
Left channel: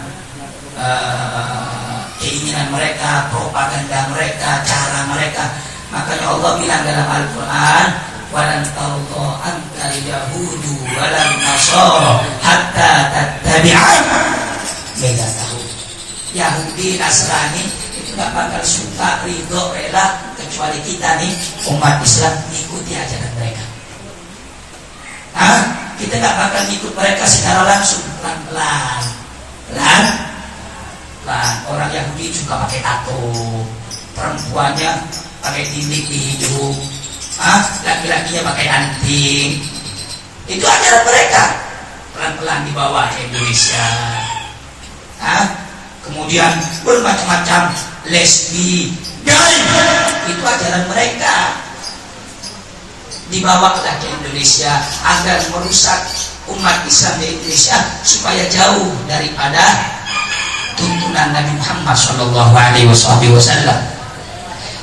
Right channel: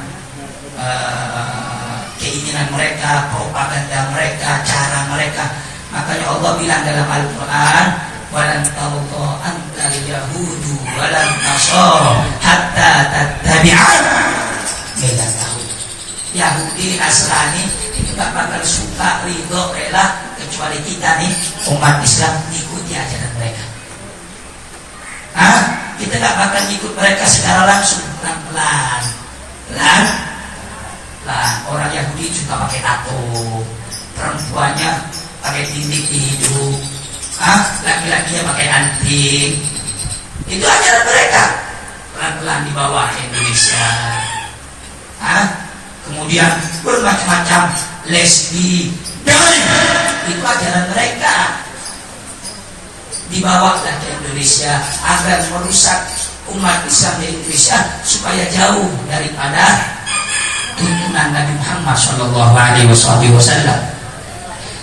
keinginan mereka, propaganda mereka, cara mereka. Makanya Allah bilang dalam Al-Quran, walan tarda ankal yahudu walan nasara hatta tattabi'an millatahu. Yahudi, Nasrani itu gak bakal suka, ridho, rela kecuali kita nih umat Islam ikuti ajaran mereka. Kita gak bakal ikut mereka secara langsung, pelan-pelan. Orang Yahudi juga pakai tato, perempuannya pakai tindik di hidung, laki-lakinya pakai anting. Itu ajaran mereka, pelan-pelan dibawa ke Indonesia. Kemudian bermacam-macam lesbi, gay, itu ajaran mereka. Dibawalah ke Indonesia agar merusak umat Islam di Indonesia supaya jauh daripada tuntunan Nabi Muhammad Shallallahu Alaihi Wasallam.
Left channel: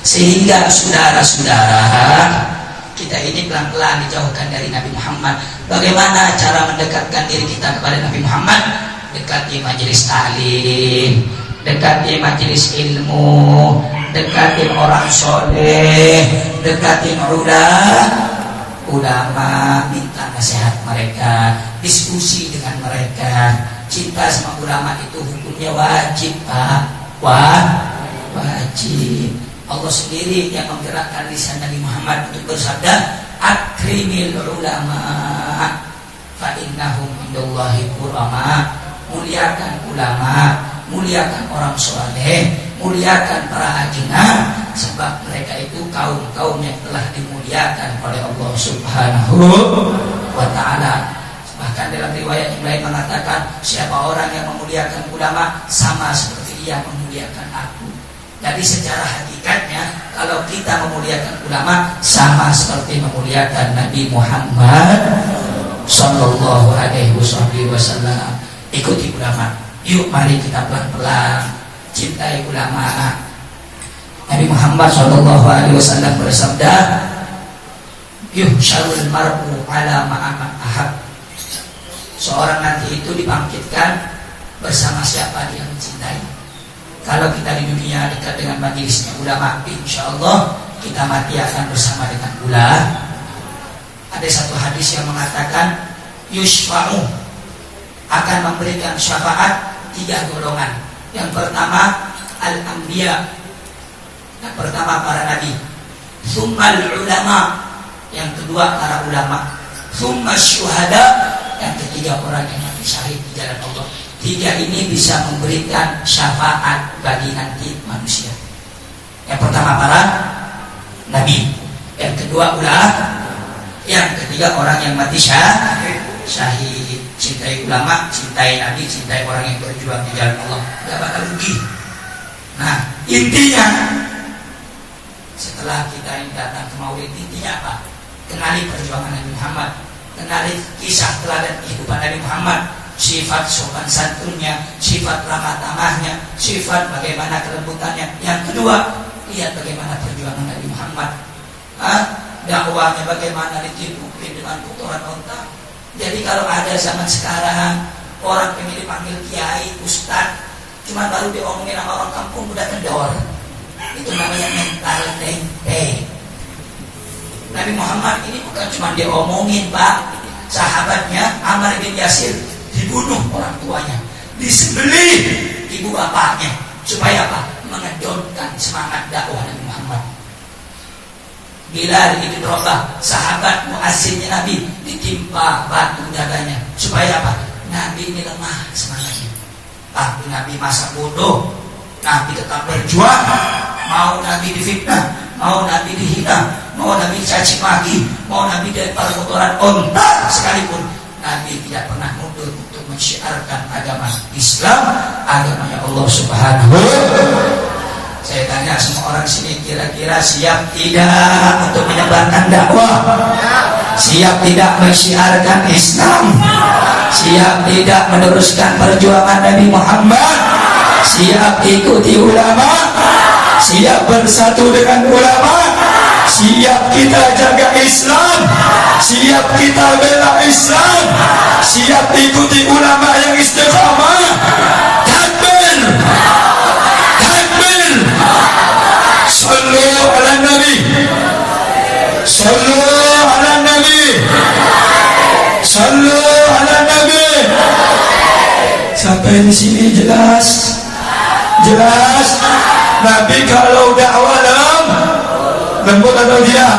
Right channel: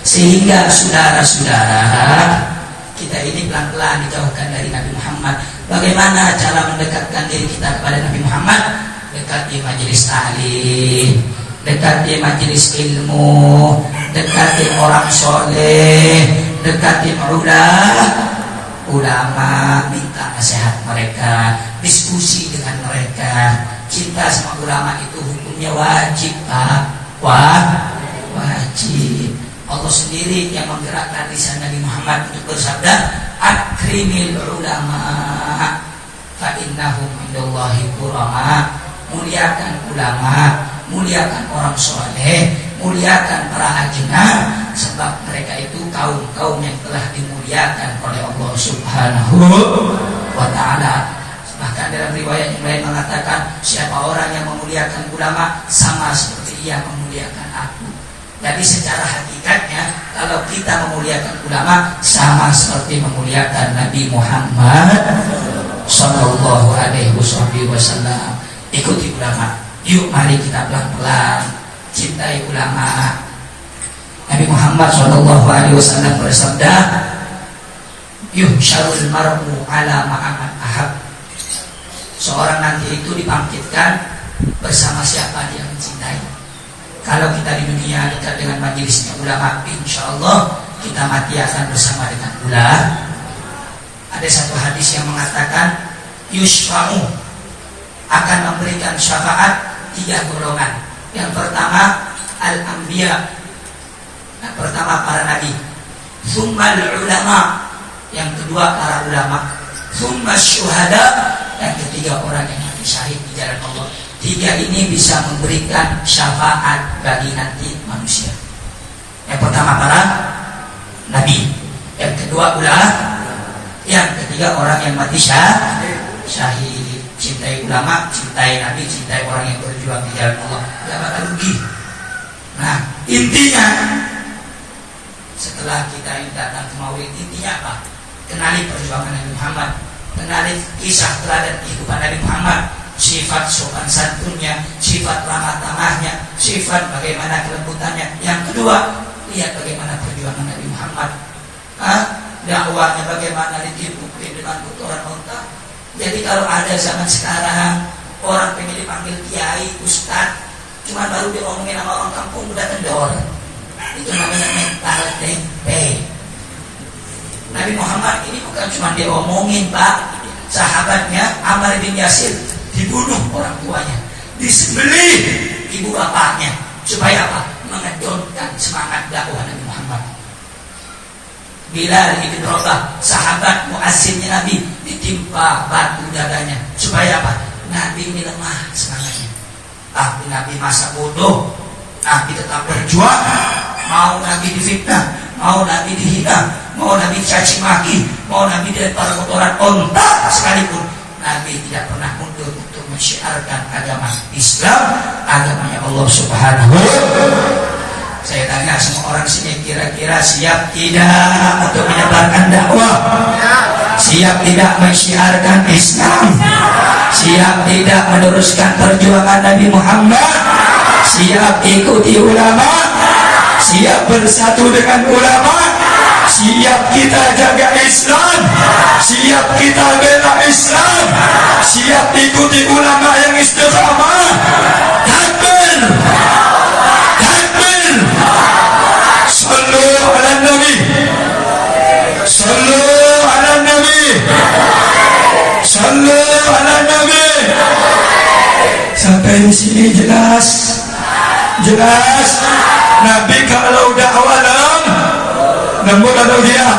Sehingga saudara-saudara, kita ini pelan-pelan dijauhkan dari Nabi Muhammad. Bagaimana cara mendekatkan diri kita kepada Nabi Muhammad? Dekati majelis taklim, dekati majelis ilmu, dekatin orang soleh, dekatin ulama, minta nasihat mereka, diskusi dengan mereka. Cinta sama ulama itu hukumnya wajib, Pak. Wajib. Allah sendiri yang menggerakkan lisan Nabi Muhammad untuk bersabda, akrimil ulama fa innahum indallahi qurama. Muliakan ulama, muliakan orang soleh, muliakan para ajnah, sebab mereka itu kaum-kaum yang telah dimuliakan oleh Allah Subhanahu wa ta'ala. Bahkan dalam riwayat yang lain mengatakan, siapa orang yang memuliakan ulama sama seperti ia memuliakan aku. Jadi secara hakikatnya, kalau kita memuliakan ulama sama seperti memuliakan Nabi Muhammad Sallallahu Alaihi Wasallam. Ikuti ulama. Yuk mari kita pelan-pelan cintai ulama. Nabi Muhammad Sallallahu Alaihi Wasallam bersabda, yuhsyarul mar'u ala ma'aman ahab. Seorang nanti itu dibangkitkan bersama siapa dia mencintai. Kalau kita di dunia dekat dengan majelisnya ulama, insya Allah kita mati akan bersama dengan ulama. Ada satu hadis yang mengatakan yusfa'u, akan memberikan syafaat 3 golongan. Yang pertama al-anbiya, yang pertama para nabi, tsummal ulama, yang kedua para ulama, tsummas syuhada, yang ketiga orang yang mati syahid di jalan Allah. 3 ini bisa memberikan syafaat bagi nanti manusia. Yang pertama para nabi, yang kedua ulama, yang ketiga orang yang mati syahid. Cintai ulama, cintai nabi, cintai orang yang berjuang di jalan Allah, tidak bakal rugi. Nah, intinya setelah kita ini datang ke Maulid, intinya apa? Kenali perjuangan Nabi Muhammad, kenali kisah teladan kehidupan Nabi Muhammad, sifat sopan santunnya, sifat ramah tamahnya, sifat bagaimana kelembutannya. Yang kedua, lihat bagaimana perjuangan Nabi Muhammad. Dakwahnya bagaimana ditimpuk dengan kotoran unta. Jadi kalau ada zaman sekarang orang pengen dipanggil kiai, ustaz, cuma baru diomongin sama orang kampung udah kendor. Itu namanya mental tempe. Nabi Muhammad ini bukan cuma diomongin, Pak. Sahabatnya Ammar bin Yasir dibunuh orang tuanya, disembelih ibu bapaknya, supaya apa? Mengedorkan semangat dakwah Nabi Muhammad. Bilal bin Rabah, sahabat muazzinnya Nabi, ditimpa batu dadanya, supaya apa? Nabi ini lemah semangatnya. Tapi Nabi masa bodoh, Nabi tetap berjuang. Mau Nabi difitnah, mau Nabi dihina, mau Nabi dicaci maki, mau Nabi dilempar kotoran onta sekalipun, Nabi tidak pernah mundur untuk mensyiarkan agama Islam, agamanya Allah Subhanahu. Saya tanya semua orang sini, kira-kira siap tidak untuk menyebarkan dakwah? Siap tidak mensyiarkan Islam? Siap tidak meneruskan perjuangan Nabi Muhammad? Siap ikuti ulama? Siap bersatu dengan ulama? Siap kita jaga Islam? Siap kita bela Islam? Siap ikuti ulama yang istiqamah? Takbir! Takbir! Sallu ala Nabi! Sallu ala Nabi! Sallu ala Nabi! Sampai di sini jelas? Jelas? Nabi kalau dakwah lembut atau tidak?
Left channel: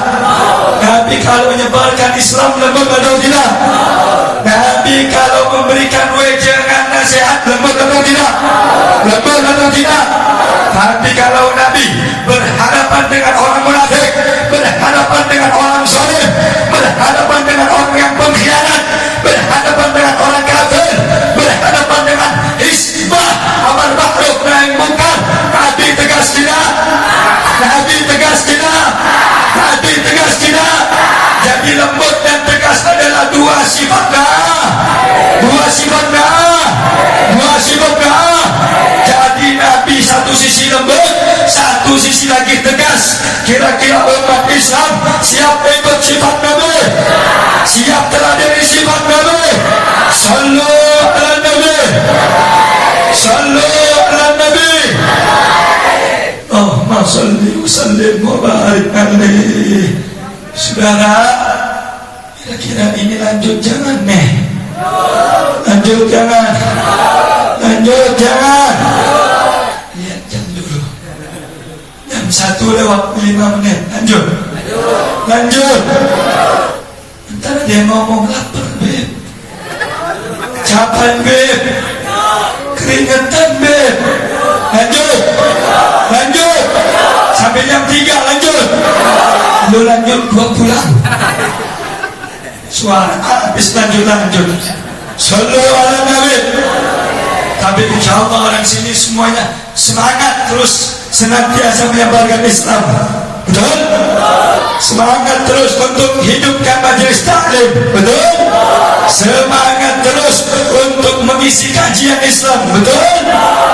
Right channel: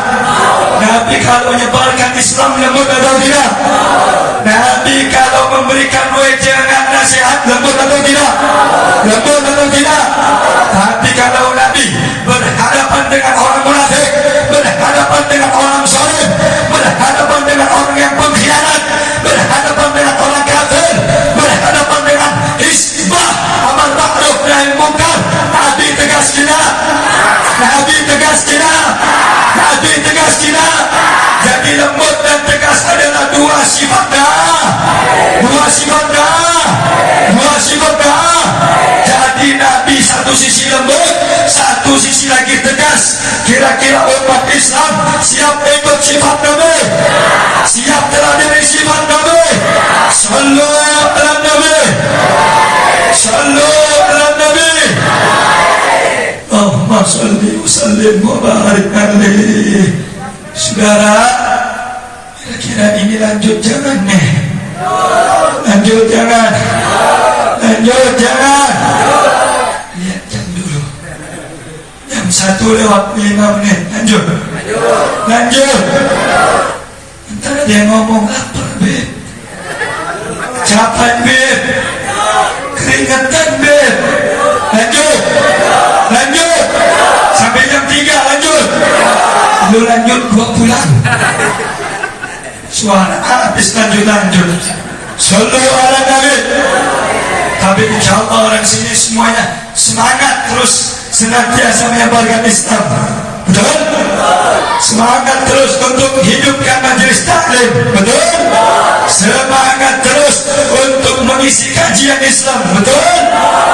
Nabi kalau menyebarkan Islam lembut atau tidak? Nabi kalau memberikan wejangan nasihat lembut atau tidak? Lembut atau tidak? Tapi kalau Nabi berhadapan dengan orang munafik, berhadapan dengan orang saleh, berhadapan dengan orang yang pengkhianat, berhadapan dengan orang kafir, berhadapan dengan isbah amar ma'ruf nahi munkar, Nabi tegas tidak? Nabi tegas tidak? Nabi tegas tidak? Jadi lembut dan tegas adalah dua sifatnya. Dua sifatnya. Dua sifatnya. Jadi Nabi satu sisi lembut, satu sisi lagi tegas. Kira-kira umat Islam siap ikut sifat Nabi? Siap terhadap sifat Nabi? Sallu ala Nabi! Sallu ala Nabi! Allahumma salli wa sallim wa barik alaihi. Saudara, kira-kira ini lanjut jangan nih? Lanjut jangan? Lanjut jangan? Lihat jam dulu. Jam 1:05. Lanjut. Lanjut. Ntar ada yang ngomong lapar, Beb. Capek, Beb. Keringetan, Beb. Lanjut. Lanjut. Sampai jam 3 lanjut. Lu lanjut, gua pulang. Suara habis lanjut. Sallu ala Nabi. Tapi insya Allah orang sini semuanya semangat terus senantiasa menyebarkan Islam. Betul? Semangat terus untuk hidupkan majelis taklim. Betul? Semangat terus untuk mengisi kajian Islam. Betul?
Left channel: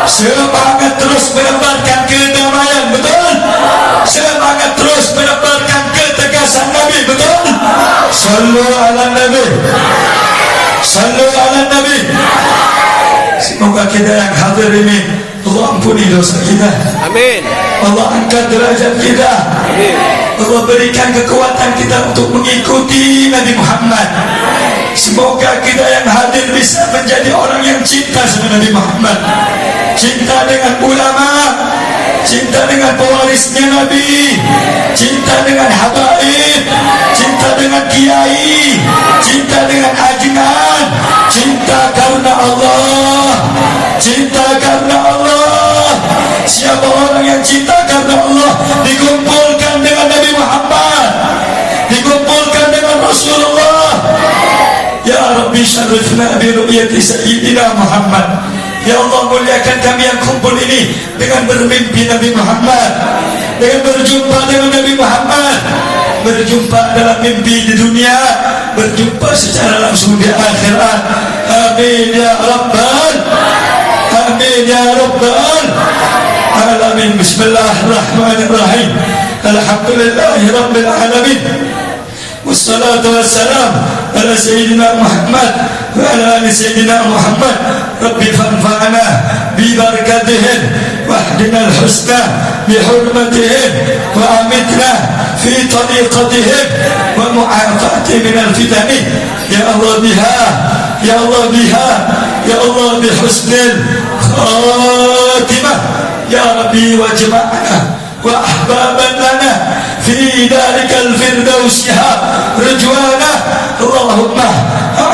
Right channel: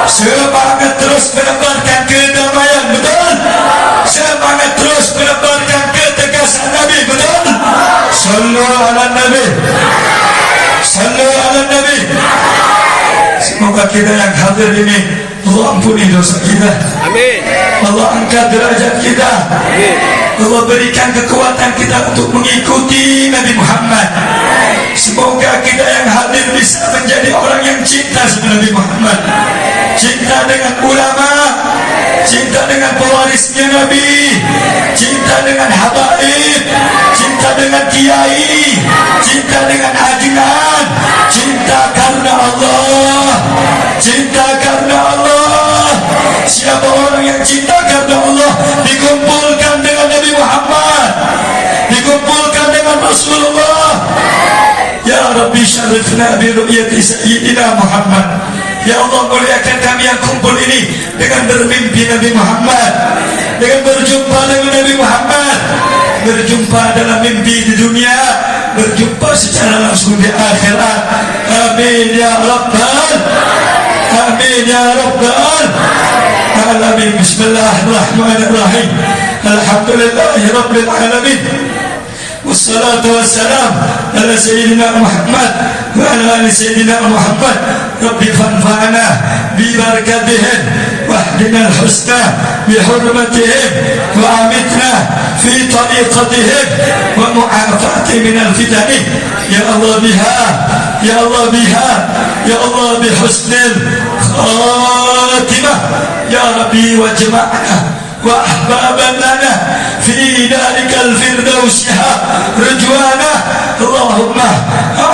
Semangat terus menebarkan kedamaian. Betul? Semangat terus menebarkan ketegasan Nabi. Betul? Sallu ala Nabi. Sallu ala Nabi. Semoga kita yang hadir ini Allah ampuni dosa kita. Amin. Allah angkat derajat kita. Amin. Allah berikan kekuatan kita untuk mengikuti Nabi Muhammad. Semoga kita yang hadir bisa menjadi orang yang cinta sama Nabi Muhammad. Cinta dengan ulama, cinta dengan pewarisnya Nabi, cinta dengan habaib, cinta dengan kiai, cinta dengan ajudan, cinta karena Allah, cinta karena Allah. Siapa orang yang cinta karena Allah dikumpulkan dengan Nabi Muhammad, dikumpulkan dengan Rasulullah. Ya Rabbi syarifna bi ru'yati sayyidina Muhammad. Ya Allah, muliakan kami yang kumpul ini dengan bermimpi Nabi Muhammad, dengan berjumpa dengan Nabi Muhammad, berjumpa dalam mimpi di dunia, berjumpa secara langsung di akhirat. Amin ya Rabbal, amin ya Rabbal alamin. Bismillahirrahmanirrahim. Alhamdulillahi Rabbil alamin. والصلاة والسلام على سيدنا محمد وعلى آل سيدنا محمد. ربي فانفعنا ببركتهم واهدنا الحسنى بحرمتهم وأمتنا في طريقتهم ومعافاة من الفتن. يا الله بها، يا الله بها، يا الله بحسن الخاتمة. يا ربي واجمعنا وأحبابا لنا في ذلك الفردوس رجوانا. اللهم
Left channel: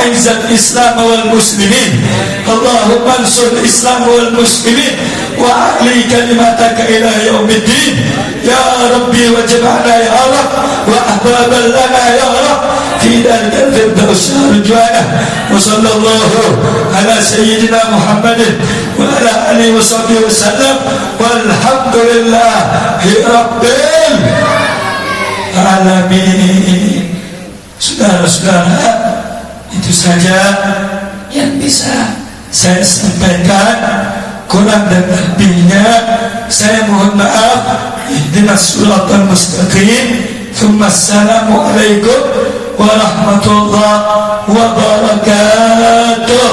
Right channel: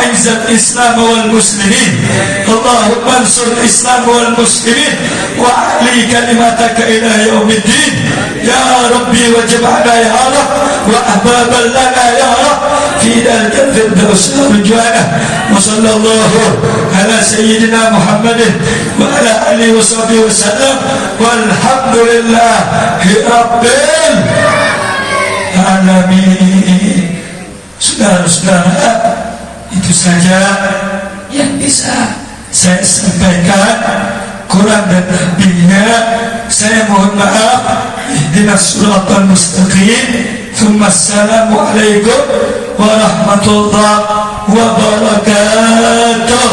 أعز الإسلام والمسلمين اللهم انصر الإسلام والمسلمين وأعلي كلمتك إلى يوم الدين يا ربي واجمعنا يا رب وأحبابا لنا يا رب في ذلك الفردوس رضوانه وصلى الله على سيدنا محمد وعلى آله وصحبه وسلم والحمد لله رب العالمين. Saudara-saudara, itu saja yang bisa saya sampaikan. Kurang dan lebihnya saya mohon maaf. Ihdinas siratal mustaqim. Assalamualaikum warahmatullahi wabarakatuh.